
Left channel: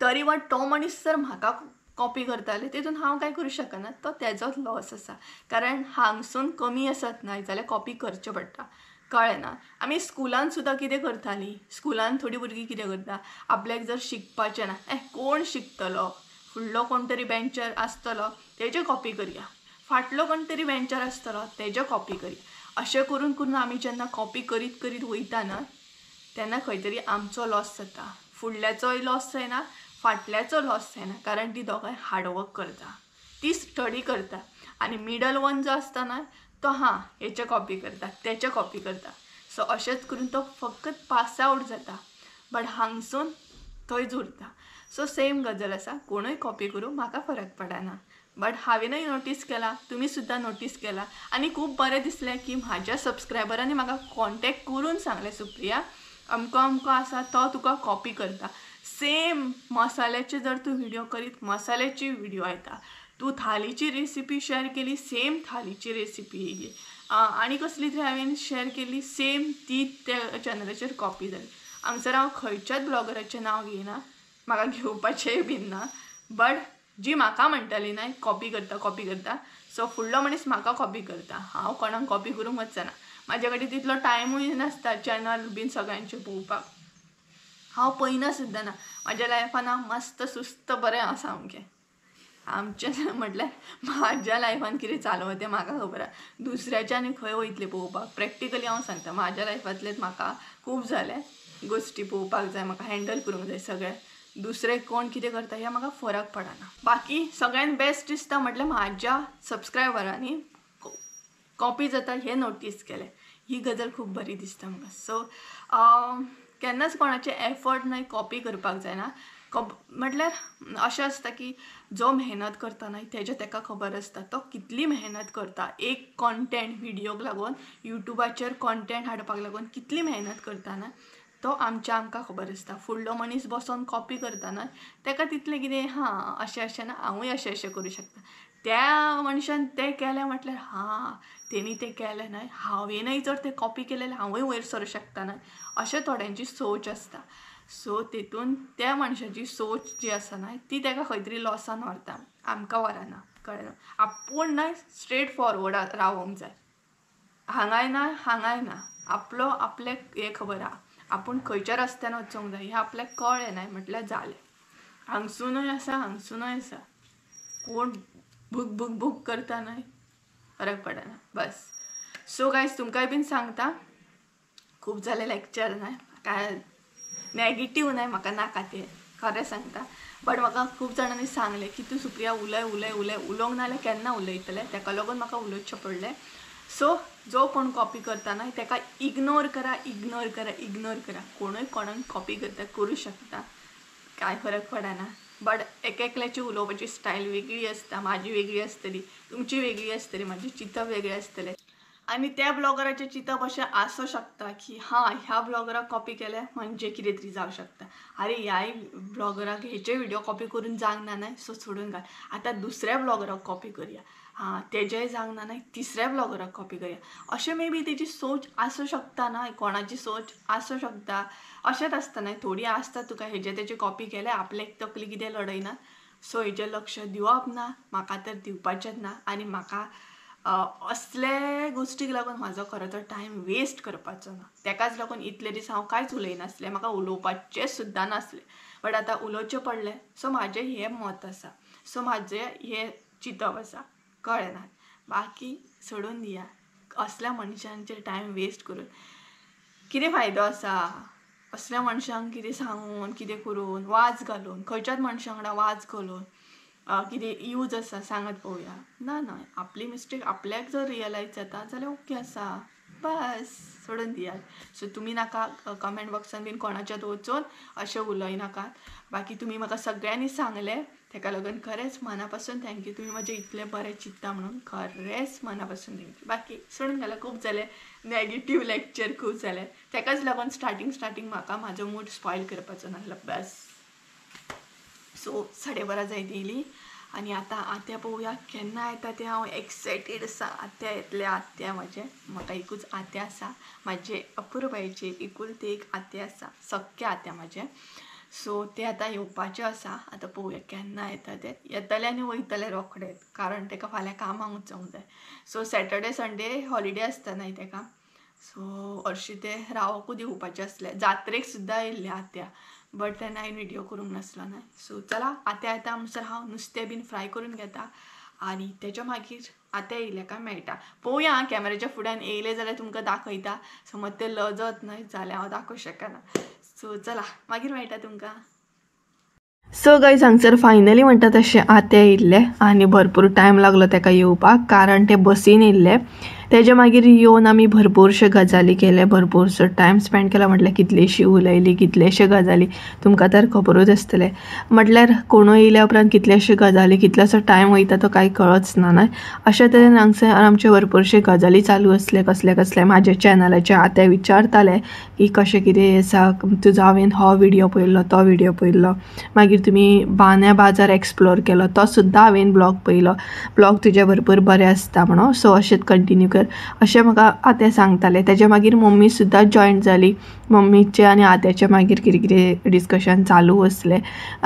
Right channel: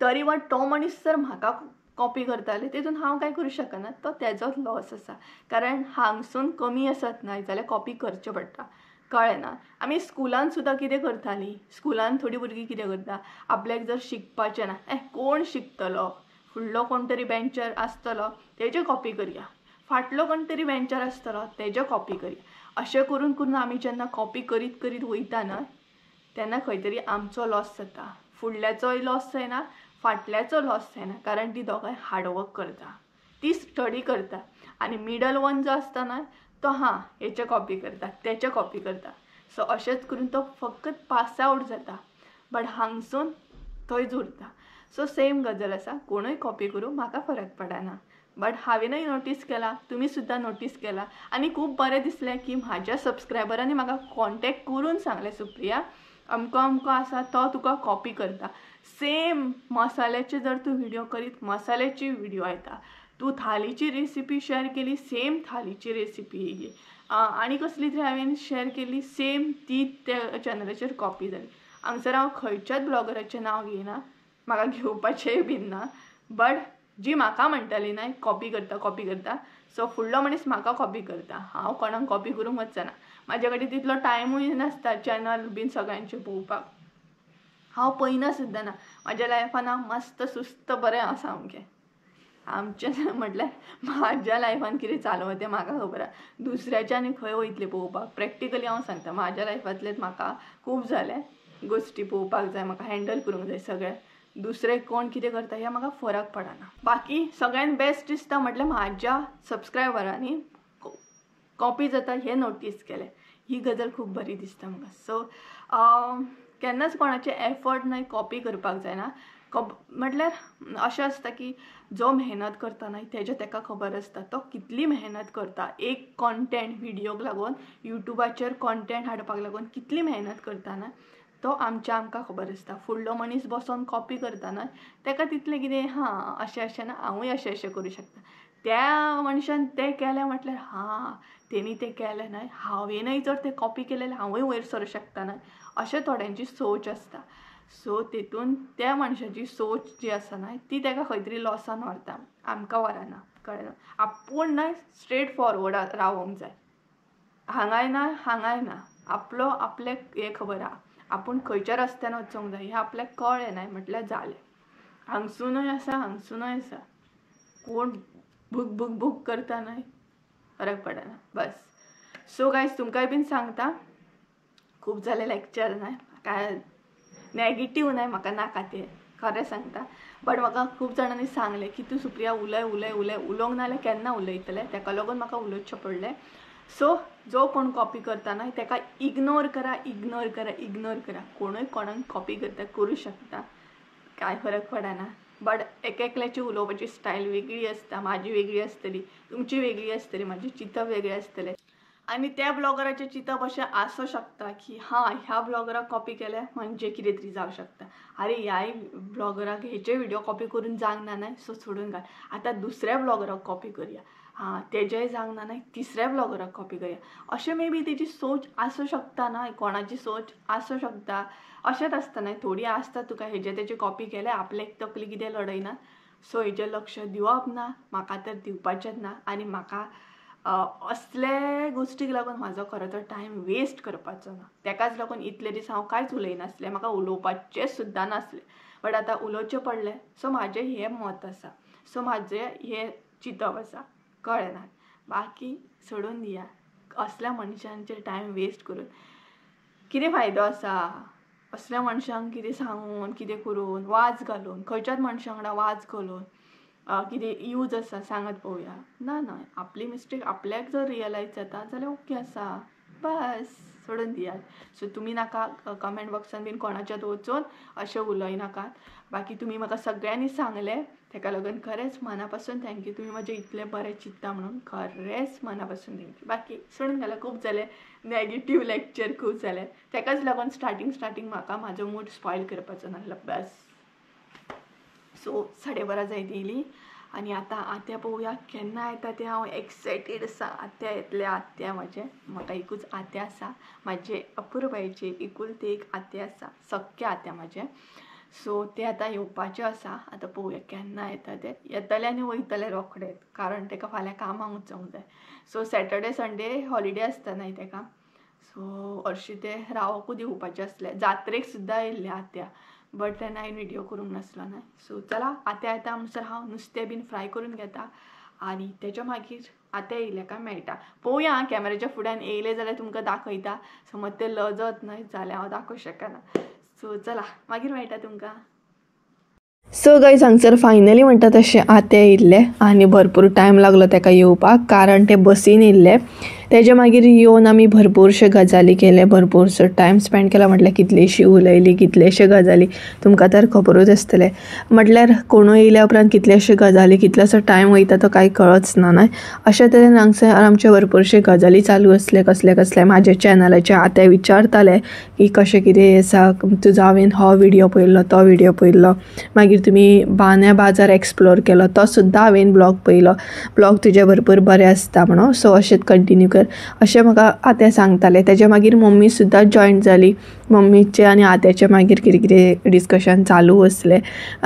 तरी पण तो मनीस जर म्हाका कॉपी करताले तितून हांव कांय करूं शकना, तो तेजोच लॉस आसा. कारण हांगसून कमी आसत न्हय जाल्यार कॉपी करचें पडटा. कळ्ळें ना. आमी स्कुलान सुद्धा कितें करतालीं, स्कुलान थोडीं भुरगीं कितें करता, आपल्याक जर शिकपाचें ना, कोण शिकतलो, फुडलो कोण तरी बेंचर आसतलो तेजे कॉपी करया, फाटलो कोण तरी बेंचर आसतलो तेजे कॉपी करया. अशें करून करून आमी जेन्ना कॉपी करीत करीत वयता न्हय तेन्ना खंय तरी आमचो लॉस जाता. फुडल्याचोय लॉस जायना, फाटल्याचो लॉस जायना, कारण ती दोगांय हार्डवर्क करता, ती स्टडी करता. आनी मिडल वन जो आसता न्हय तो हेचे कॉपी करता, तेचे कॉपी करता. सो अशेंच करून तो फकत पास आउट जाता, बट हांगसून थंयच उरता. सो सेम गजाल आसा, कोणूय कॉपी करूं म्हाका फरक पडना. बट हांवेनय नोटीस केला, तुमी सुद्धा नोटीस केला, आनी खूब बरें दिसलें की म्हाज्या सबस्क्रायबरांनी म्हाका कॉन्टेक्ट करून सांगलें, सुप्रिया अमको आसा तो तुका कॉपी करता. सेम मसाल्याचे जर तूं व्हिडिओ करीत मसाल्याची व्हिडिओ येता, तू थालीची रेसिपी शेअर केली, सेम थालीची रेसिपी येयली, आनी कसली तरी हांवें शेअर केली, सेम ती त्या चॅनलाचेर कॉपी जाली. हांगसर हांव खंयच्याच ब्लॉगराचें नांव घेयना, म्हाका घेवपाचेंय बीन ना, बट जी म्हाका म्हणटाली ना कॉपी करता, सो फुडलो मनीस म्हाका कॉपी करता, हांव कोणाक कॉपी करूंक वचना. म्हाजे कडेन तितलो टायमूय नासता चॅनल बीन सगळ्यांचे पळोवपाक. हांव पळयना सुद्दां ना. म्हाज्या लायफान हांव मस्त सुस्त बरें आसा सामकें. आमचें म्हटल्यार म्हाज्या लायफान कितें चालू तें म्हाका खबर आहा. दुसऱ्याच्या आनी खंय वयतलें पळोवपाक. प्रॅक्टिकली हांव सांगता, म्हाज्या लायफांतलेच म्हाका खूब जाले गोश्टी पळोवपाक जाय, म्हाका हँडल करूंक जाय सगळें. दुसरे कोण कितें करता हें म्हाका फरक पडना. बाकी सगळ्यान बेस्ट दिसता म्हटल्यार म्हाज्या सबस्क्रायबरांनी कॉपी जाता हें नोटीस केलें. ही गजाल खूब बरी दिसता म्हाका. सो केन्नाच कोणाचे एफर्ट नाही कॉपी करपाक जायना. म्हटल्यार अशें आसता की जो मेहनत करता न्हय तेजें तेका खबर आसता तो कितली मेहनत करता. एक कॉन्टेंट व्हिडिओक लागून युट्यूबाचेर कॉन्टेंट हाडपाक लागून कितली मेहनत करता ना तो आमकां खबर आसता. फुडलो मनीस बसोन कॉपी करता ना तेका तितलें कितें हां अशें ना, हांवूय अशें करूं शकता. त्या मनशान तें केलें म्हटल्यार हां तेणी तें केलें न्हय, हांवेनय जर तें कॉपी केलें हांवूय वयर सरूं शकता न्हय, अशें थोड्यांची सोच आसता. सो तेतून त्या मनशाची सोच जी आसा न्हय ती तेका खंय तरी लॉसान व्हरता, आमकां व्हरना. कळ्ळें? आपूण न्हय स्ट्रेट फॉरवर्ड रावूंक जाय. हांगाय ना आपलें हें खबर आहा, आपूण खंयच्या रस्त्यान वचूंक जाय हें आपल्याक कळ्ळें न्हय म्हटल्यार जालें. हांगसूनय आसा कोण भूक करता न्हय फरक पडना बस. सो गायज तुमकांय बीन सांगता, खूब जालें लेक्चर न्हय, काय नॅगेटीव न्हय, म्हाका नाका तें खरें सांगता. बट म्हाका खूब जाणांनी सांगलें की तूं सुप्रिया उलोवंक नाल्यार केन्ना उलयतलें, तेका लागून म्हाका उलोवचें पडलें. सो जो कोण कॉपी करता न्हय तेका इग्नोर करा. कोणूय कोणाक कॉपी करता करूं शकता, कांय फरक पडना. बट एकल्याची उलोवपाची स्टायल वेगळी आसता. म्हाजी वेगळी आसतली, तुमची वेगळी आसतली, म्हाजे चिंतप वेगळे आसतले. आनी त्या ब्लॉगराचें चिंतप अशें आसूं शकता की हां ह्या ब्लॉगराक कॉपी केलें म्हणजे कितें तरी जावं शकता. अरे ह्याय ब्लॉगराक हेचे व्हिडिओ कॉपी करून जावंक ना न्हय, सो सोडून घाल, आतां दुसऱ्या ब्लॉगराक कॉपी करुया. हां तेजेय जावंक ना न्हय, तिसऱ्या ब्लॉगराक कॉपी करुया. अशें मे बी तेजी सोच आसूं शकता न्हय, कोणाची सोच आसूं शकता. अशेंच आसता न्हय, थोडी आसता तुका हेजे तेजे कॉपी केले आपल्याक तकली कितें लडयना. सो हेजेर लक्ष दिवप ना, म्हाका तर दिवपाचेंच ना. आनी म्हाका असले गोश्टीक लागून म्हाजो खरो तर टायम वेस्ट करपाचो ना. तेकाच लागून इतले दीस हांव कांयच उलयनासलें, म्हाका उलोवपाचें सुद्दां नासलें. बट आतां उलोवचें पडलें, सो म्हाजें हें मत आसा, सो म्हाजें हें चिंतप आसा. कळ्ळें ना? बाकी सोडून दिया असल्या मनशांचेर टायम वेस्ट करून कितें फायदो आसा. असल्या मनशांक कितें सांगून कितें करून वाज घालून खंयच्याच मनशा वांगडा वाज घालून कितें यूज आसा सांगात पळोवया. ना आपली मिस्टेक आपल्याक जर रियलायज जाता जाल्यार ओके आसा, बस सोडून दियात. सो तुमी नाका कमेंट बॉक्सान बीन कोणाच्यात वचून अशें उलयनाकात. बाकी तुमी म्हाका सगळ्यांनी सांगलें तेका लागून खरेंच मनापासून थँक्यू. तुमी म्हजें इतलें बरें चिंतता म्हणून खरेंच मनापासून थँक्यू. बाकी सोडून गेल्यार खूब जालें, नॅगेटीव लेक्चर खूब जालें, तेकाच लागून स्टार्टींग म्हाका म्हाजो मूड स्पॉयल करपाचो नासलो बस. सो 12:30 जायत येयली आनी आतां आत्या पळोवया केन्ना येता तें. हांव एक्सायटेड आसा. आत्या येतले, आत्या म्हाका एकूच आत्या आसा, म्हाजे अपुरबायेचे एकुलते एक आत्या आसा, सख्खे आत्या म्हाजे. सो ते आतां येवपाचे आसा. आतां पळोवया केन्ना येता ते. येतले आनी वयतले रोखडेच, कारण तेका फाल्यां कामाक वचोंक जाय. सो सॅटर्डे संडे हॉलिडे आसता न्हय तेका, सो हरशीं ते रावकूच येवपाचें आसलें. जात्रेक सुद्दां येयल्ले आत्या, बट तेन्ना हांवें व्हिडिओ करूंक नासलो न्हय. सो चला आत्या येता म्हणसर हांव नुस्तें बीन फ्राय करून घेता आनी तेच्या मागीर आत्या येयल्या काय मेळटा. पळोवया हां कॅमेराच्या फुड्यान येयले जाल्यार तुमकां दाखयता. समज ते लजत न्हय जाल्यार हांव दाखोवंक शकना. सो चला मागीर मेळटा तुमकां. सो गायज हांगसर फायनली म्हणटा तशें आत्या येयल्ले आनी भरपूर टायम लागलो तेका येवपाक, कारण ते बसीन येयल्ले. तेजे मागीर येवन आमी भरपूरशे गजाली केले, भरपूरसो टायम स्पेंड केला. म्हटल्यार कितलीशी उलयली, कितलेशे गजाली तुमकां तर खबरूच आसतले. म्हटल्यार कोणूय येयल्या उपरांत कितलेशे गजाली, कितलोसो टायम वयता तो कांय कळच ना न्हय. अशे तरेन हांगसर आमचे भरपूरशे गजाली चालू आसले, कसले म्हाजे चॅनलाचे. आत्या विचारताले की कशें कितें आसा तुजो हांवें हो व्हिडियो पळयल्लो तो व्हिडियो पळयल्लो मागीर तुमी बांद्या बाजार एक्सप्लोर केलो तो सुद्दां हांवें ब्लॉग पळयलो ब्लॉग तुजे भरपूर बरें आसता म्हणून सो अशेंच कंटिन्यू कर अशें म्हाका आतें सांगतालें तेज्या मागीर मम्मी सुद्दां जॉयन जाली मम्मीचें आनी आत्याचें मागीर कितें कितें डिस्कशन चालू आसलें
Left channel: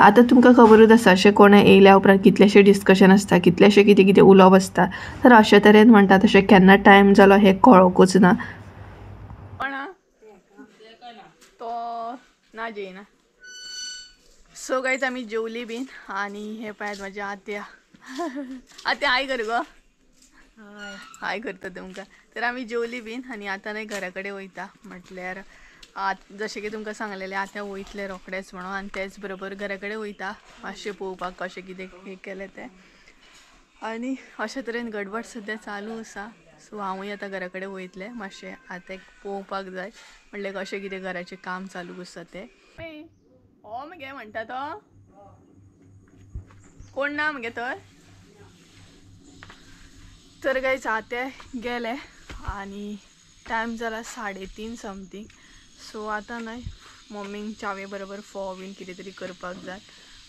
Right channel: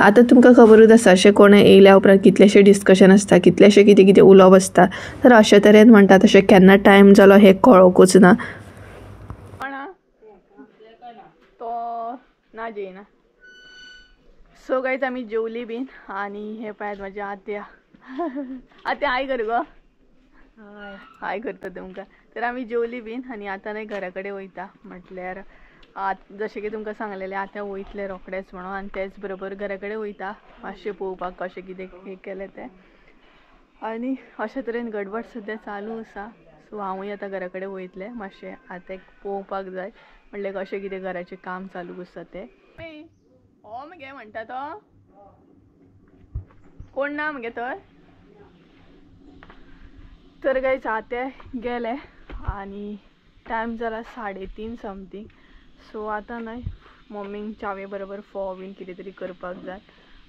आतां तुमकां खबरूच आसा अशें कोण येयल्या उपरांत कितलेशे डिस्कशन आसता कितलेशे कितें कितें उलोवप आसता तर अशे तरेन म्हणटा तशें केन्ना टायम जालो हें कळोकूच ना तो ना जेयना सो गायज आमी जेवली बीन आनी हे पळयात म्हाजी आत्या आत्या हाय कर गो हाय करता तुमकां तर आमी जेवली बीन आनी आतां न्हय घरा कडेन वयता म्हटल्यार जशें की तुमकां सांगलेलें आतां वयतलें रोखडेंच म्हणून आनी तेच बरोबर घरा कडेन वयता मातशें पळोवपाक कशें कितें हें केलें तें आनी अशे तरेन गडबड सद्या चालू आसा सो हांवूय आतां घरा कडेन वयतलें मातशें आतां पळोवपाक जाय म्हणल्यार कशें कितें घराचें काम चालू आसा तें हो मगे म्हणटा तो कोण ना मगे तर गायज आते गेले आनी टायम जाला 3:30 समथींग सो आतां न्हय मम्मीक चावे बरोबर फोव बीन कितें तरी करपाक जाय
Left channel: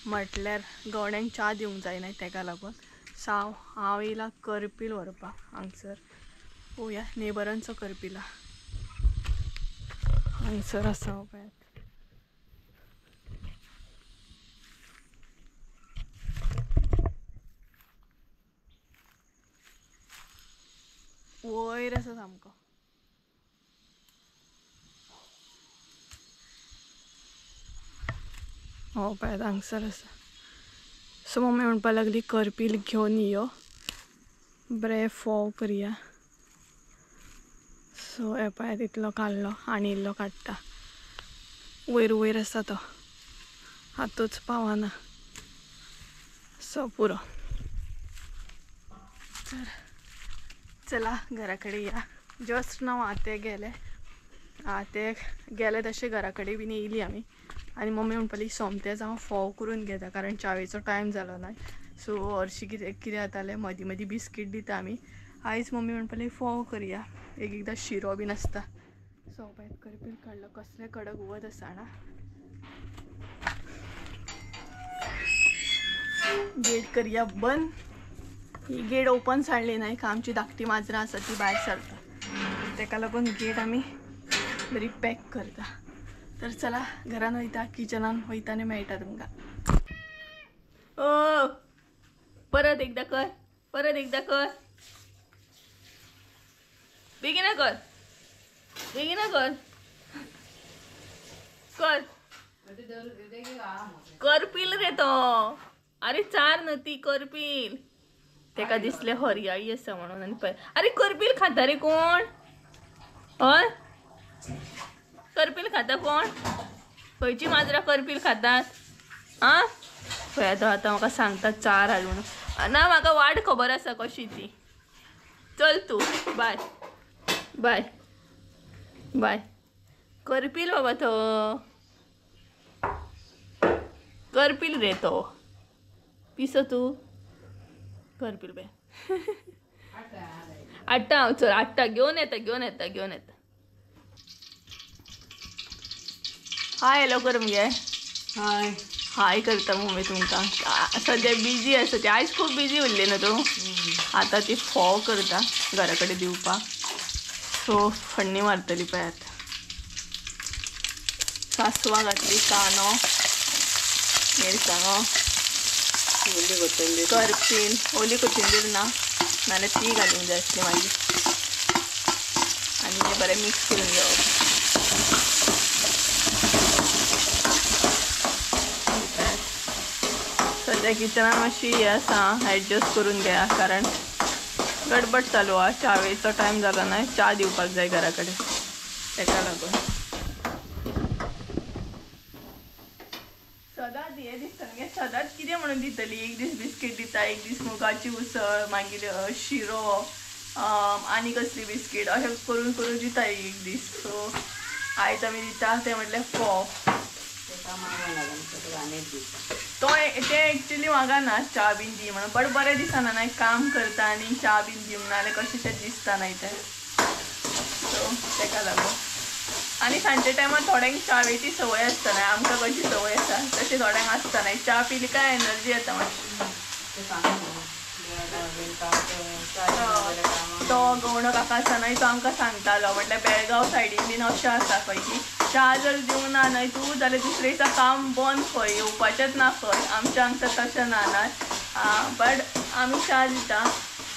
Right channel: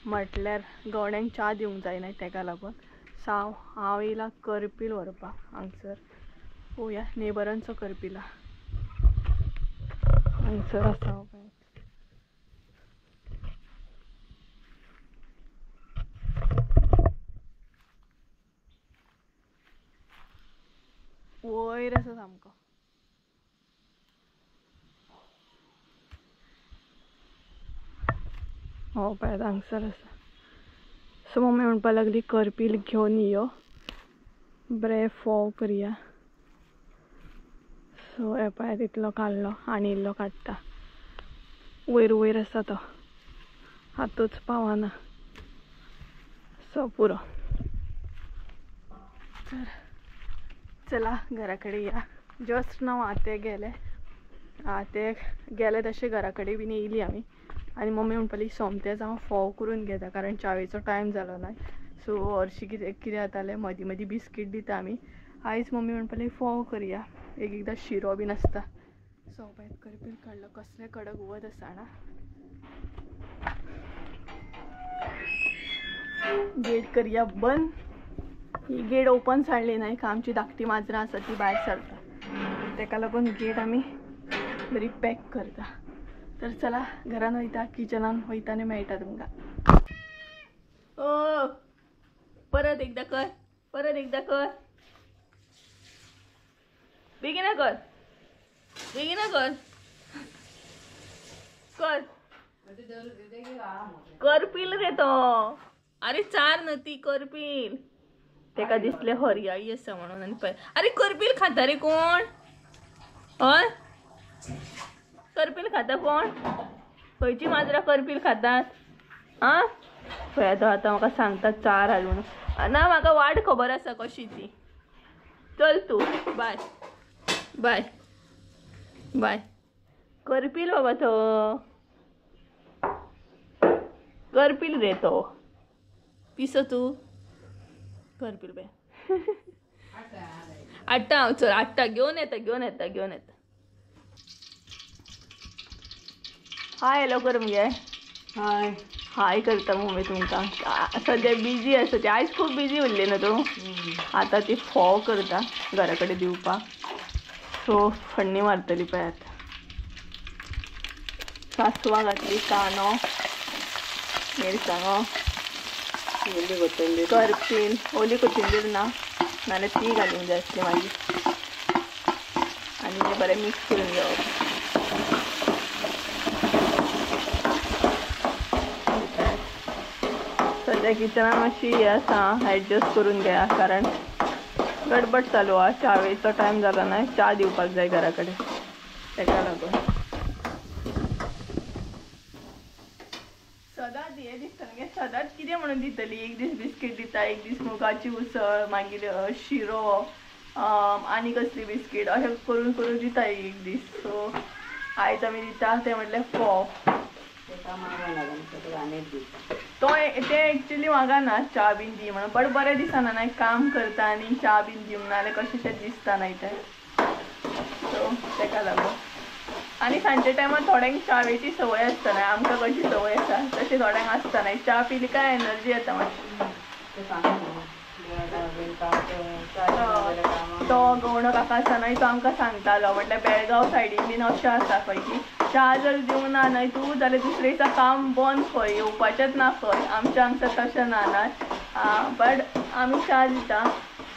म्हटल्यार गवड्यांक च्या दिवंक जायना तेका लागून हांव येयला करपील व्हरपाक हांगसर पळोवया नेबरांचो करपीला हांगसर आसा पळय वयर आसा सामको हो पळय हांगसर आसा सो मम्मी म्हणपा लागली करपील घेवन यो बरे फोव करया सो हे पळय तितलो काडलो आनी इल्लो काडटा वयर आसा तो हातूच पावना सो पुरो तर चला घरा कडेन या जस्ट नाव आते गेले तशें घरा कडेन बीन येयली आमी आनी मम्मी म्हणपाली सोमतेच हांव फोव करून घेता कारण चावेचो टायम जालो ना सो हरशीं कितें जातालें मदीं मदीं बिस्कीट दिता आमी आयज मम्मी म्हणपाली फोव करया एकदां शिरो बीन आसता सो पळय करपील काडलो कसलें कडक वत आसा ना गेट करया बंद ही गेट ओपन साडली न्हय आमची धाकटी माजरां आसा ती भायर सरता तेका लागून गेट आमी बरी पॅक करता तर चला घरान वयता किचनान वयता आनी मेळटा तुमकां ओ परत एकदा कर बेगिना कर करपील रे तो अरे चार नती करपील तेका दिसले हरयाळी आसा म्हणून आनी पळय अरे करपील खाता रे कोण हय करपील खाता कोण खंयची माजरां करपील खातात आं पळय आतां म्हाका सांगता चार हाडून ना म्हाका वाट खबर आसा कशी ती चल तूं बाय बाय बाय करपील बाबा तो करपील रे तो पिसो तूं करपील बाय हाडटा हांव चल हाडटा घेवन येता हाय हॅलो कर मगे हाय करता मम्मी तुमकां सद्या बिजी आसा ती आयज खूब बिजी उरली न्हू तूं आतां ती फोव करता घरा कडेन दिवपाक सो फण्णी मारतली पळय आतां सासवां घातली कांदो मिरसांगो करपील ओली कोथिंबीर ना नाल्यार ती घालूंक जाय आसली मागीर आनी तें बरें मिक्स करून घेवप सद्या किचनान मातशी हें आसा एडजस्ट करून घेया कारण गडबड चालू आहा चावेचो टायम जालो ना च्या दिवपाक जाय घरा कडेन तेका लागून सदांच हें दिसता मगे सदांच कितें म्हणून दितली एक दीस बिस्कीट दिता एक दीस मुगाची उसळ मागीर शिरो आनी कसली बिस्कीट अशें करून करून दिता एक दीस सो आयज आमी दिता तें म्हटल्यार फोव तो ते एक्चुअली म्हाका ना च्या बीन दी म्हणून बट बरें दिसना ना काम करता आनी च्या बीन दिवंक ना जाल्यार कशें तें दिसता न्हय तें सो तेका लागून आणि सांजच्या टायमार थोड्यांक च्यावेची सवय आसता न्हय, आमकां कशी सवय आसा तशी थोड्यांक आसता न्हय. च्या पिली काय एनर्जी येता मातशी. तो गवणो काका आसा न्हय तो आमकां सांगतालो, म्हटल्यार बेळगांव सायडीन बीन अशें आसा खंय की च्या जर दिवंक ना न्हय तूं जाल्यार दुसऱ्या दिसा काम बंद खंय, येवपाचेंच ना खंय. आमच्या हांगसर तशें ना न्हय. बट आमी च्या दिता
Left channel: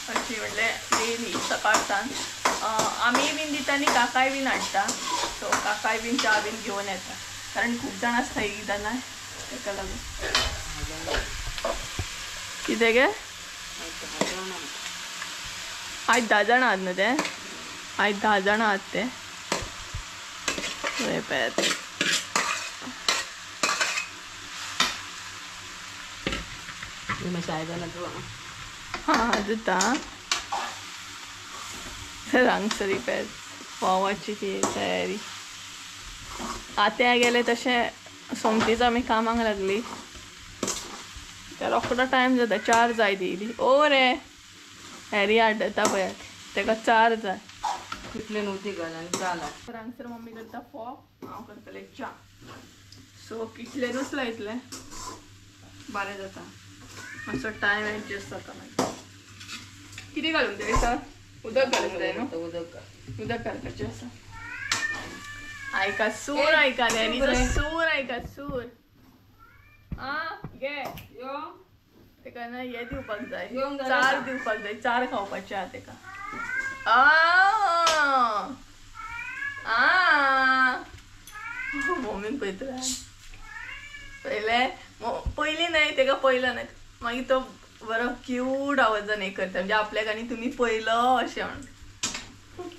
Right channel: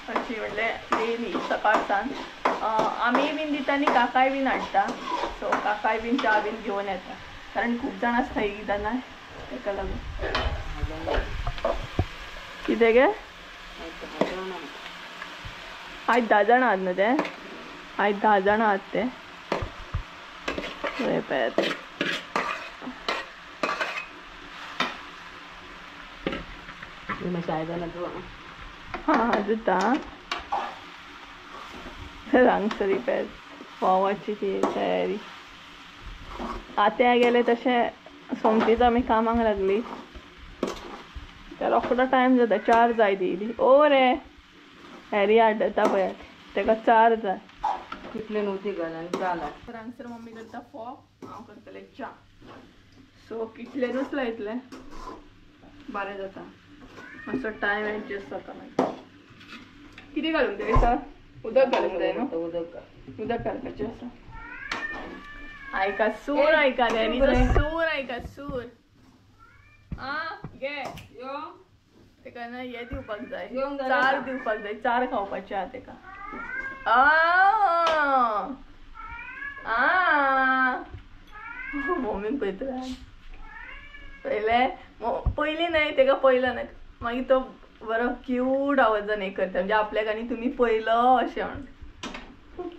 अशी म्हटल्यार डेली सकाळसान. आमी बीन दिता आनी काकाय बीन हाडटा. सो काकाय बीन च्या बीन घेवन येता, कारण खूब जाण आसता एक एकदां न्हय, ताका लागून. कितें गे आयज 10 जाणां आहात न्हू ते, आयज 10 जाणां आहात ते. पळयात हां दिता हांगसरी पळयात फोवाची ती तयारी. आत्या गेले तशें सोमतीच आमी कामाक लागली. त्या रोखडो टायम जाता 4 जाय दिली. ओ रे हॅरी आड्डता पळयात, ताका 4 जाय. कितलें उदीक घाल आनी च्या लाय. हांगसर मम्मी करता फोव, हांव करतलें च्या. सो कितलेनूच लायतलें, बरें जाता. मातसो टायम एडजस्ट जाता मागीर. कितें घालूंक जाय सर? उदक घालूंक जाय न्हू. उदक घालपाचें आसा. आयका सूर, आयका हॅरीचो सूर, आयका सूर. घे यो तेका ना हे दिवपाक जाय, घेवंक जाय 4 दिवपाक जाय, 4 खावपाचे आहा तेका. मम्मीक पळयतलें पयलीं न्हय तेका पयलो न्हय, मागीर तो बरो क्यूट आवाजान हें करता, म्हणजे आपल्याक आनी तुमी पयलो अशें म्हणून.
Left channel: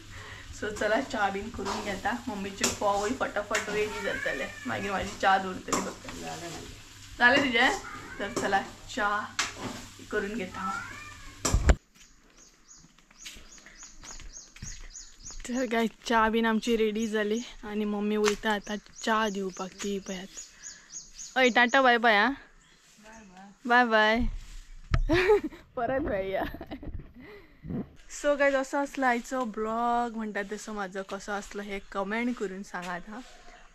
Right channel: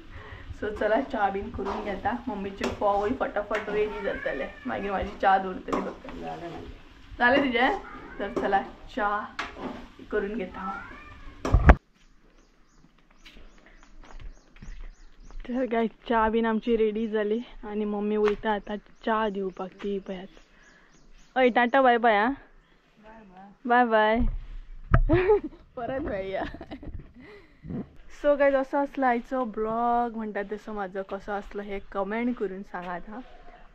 सो चला च्या बीन करून घेता. मम्मीचे फोवूय फटाफट रेडी जातले, मागीर म्हाजी च्या दवरतली फक्त. जालें तुजें? तर चला च्या करून घेता हांव. तर काय च्या बीन आमची रेडी जाली आनी मम्मी वयता आतां च्या दिवपाक. ती पळयात. हय टाटा बाय बाय. आं बाय बाय. परत मेळया. सो गायज असो आसलो आयचो ब्लॉग. म्हणटा तसो म्हाजो कसो आसलो हे कमेंट करून सांगात हां.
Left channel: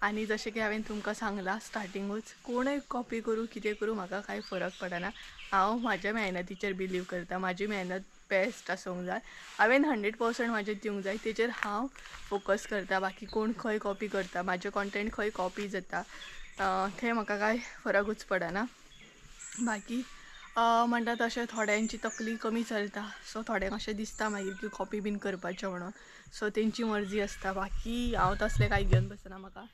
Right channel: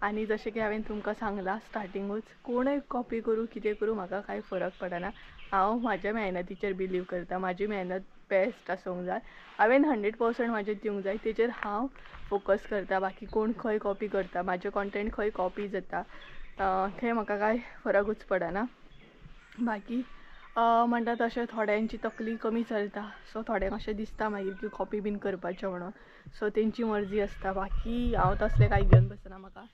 आनी जशें की हांवें तुमकां सांगलां स्टार्टिंगूच, कोणय कॉपी करूं कितें करूं म्हाका कांय फरक पडना. हांव म्हाज्या मेहनतीचेर बिलीव करता. म्हाजी मेहनत बेस्ट आसूंक जाय. हांवें 100% म्हाजें दिवंक जाय, तेचेर हांव फोकस करता. बाकी कोण खंय कॉपी करता, म्हाजें कॉन्टेंट खंय कॉपी जाता थंय म्हाका कांय फरकूच पडना. बाकी म्हणटा तशें थोड्यांची तकली कमी चलता. सो थोड्यांक अशें दिसता मागीर की कॉपी बीन करपाचें म्हणून. सो तेंची मर्जी आसता. बाकी हांव तसलें कांय घेवन बसना. म्हाका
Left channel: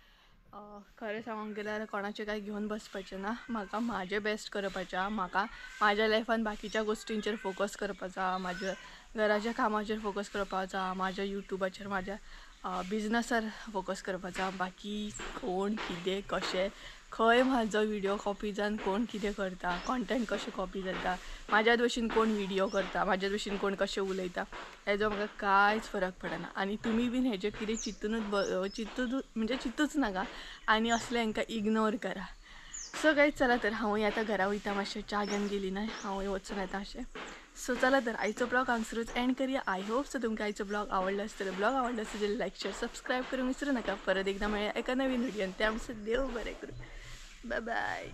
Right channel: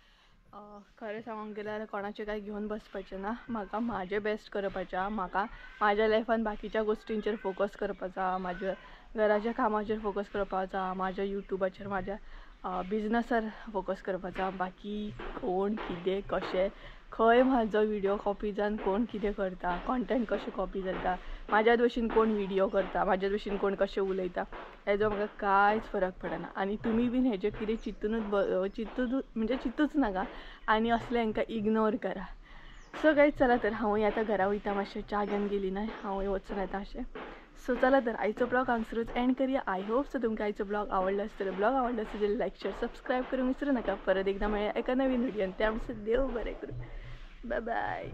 खरें सांगूंक गेल्यार कोणाचें कांय घेवन बसपाचें ना. म्हाका म्हाजें बेस्ट करपाचें आहा. म्हाका म्हाज्या लायफान बाकीच्या गोश्टींचेर फोकस करपाचो आहा. म्हाज्या घराच्या कामाचेर फोकस करपाचो आहा. म्हाज्या युट्यूबाचेर, म्हाज्या बिजनसार फोकस करपाचो आहा. बाकी कोण कितें कशें खंय म्हाजो व्हिडियो कॉपी जावन कोण कितें करता, कॉन्टेंट कशें कॉपी जाता, म्हाज्याच भशेन कोण व्हिडियो करता, म्हाज्याच भशेन कोण कशें उलयता, हेजो म्हाका कांयच फरक पडना. आनी तुमी बीन हेजें कितें चिंतूच नाका आनी असलें हांकां इग्नोर करा. सो गायज चला तर हांवूय आतां घरा वयता. मातशें च्या घेवन गेली न्हय, हांवूय वचून येता अशें. सो चला तर आयचो ब्लॉग हांगसरूच एंड करूया. आय होप सो तुमकां आयचो ब्लॉग आवडलो आसतलो. ब्लॉग आवडलो आसत जाल्यार लायक शेअर सबस्क्रायब करूंक विसरूं नाका. परत एकदा मेळया एका नवीन व्हिडियोन. त्या आमचं देव बरें करूं. Bye bye.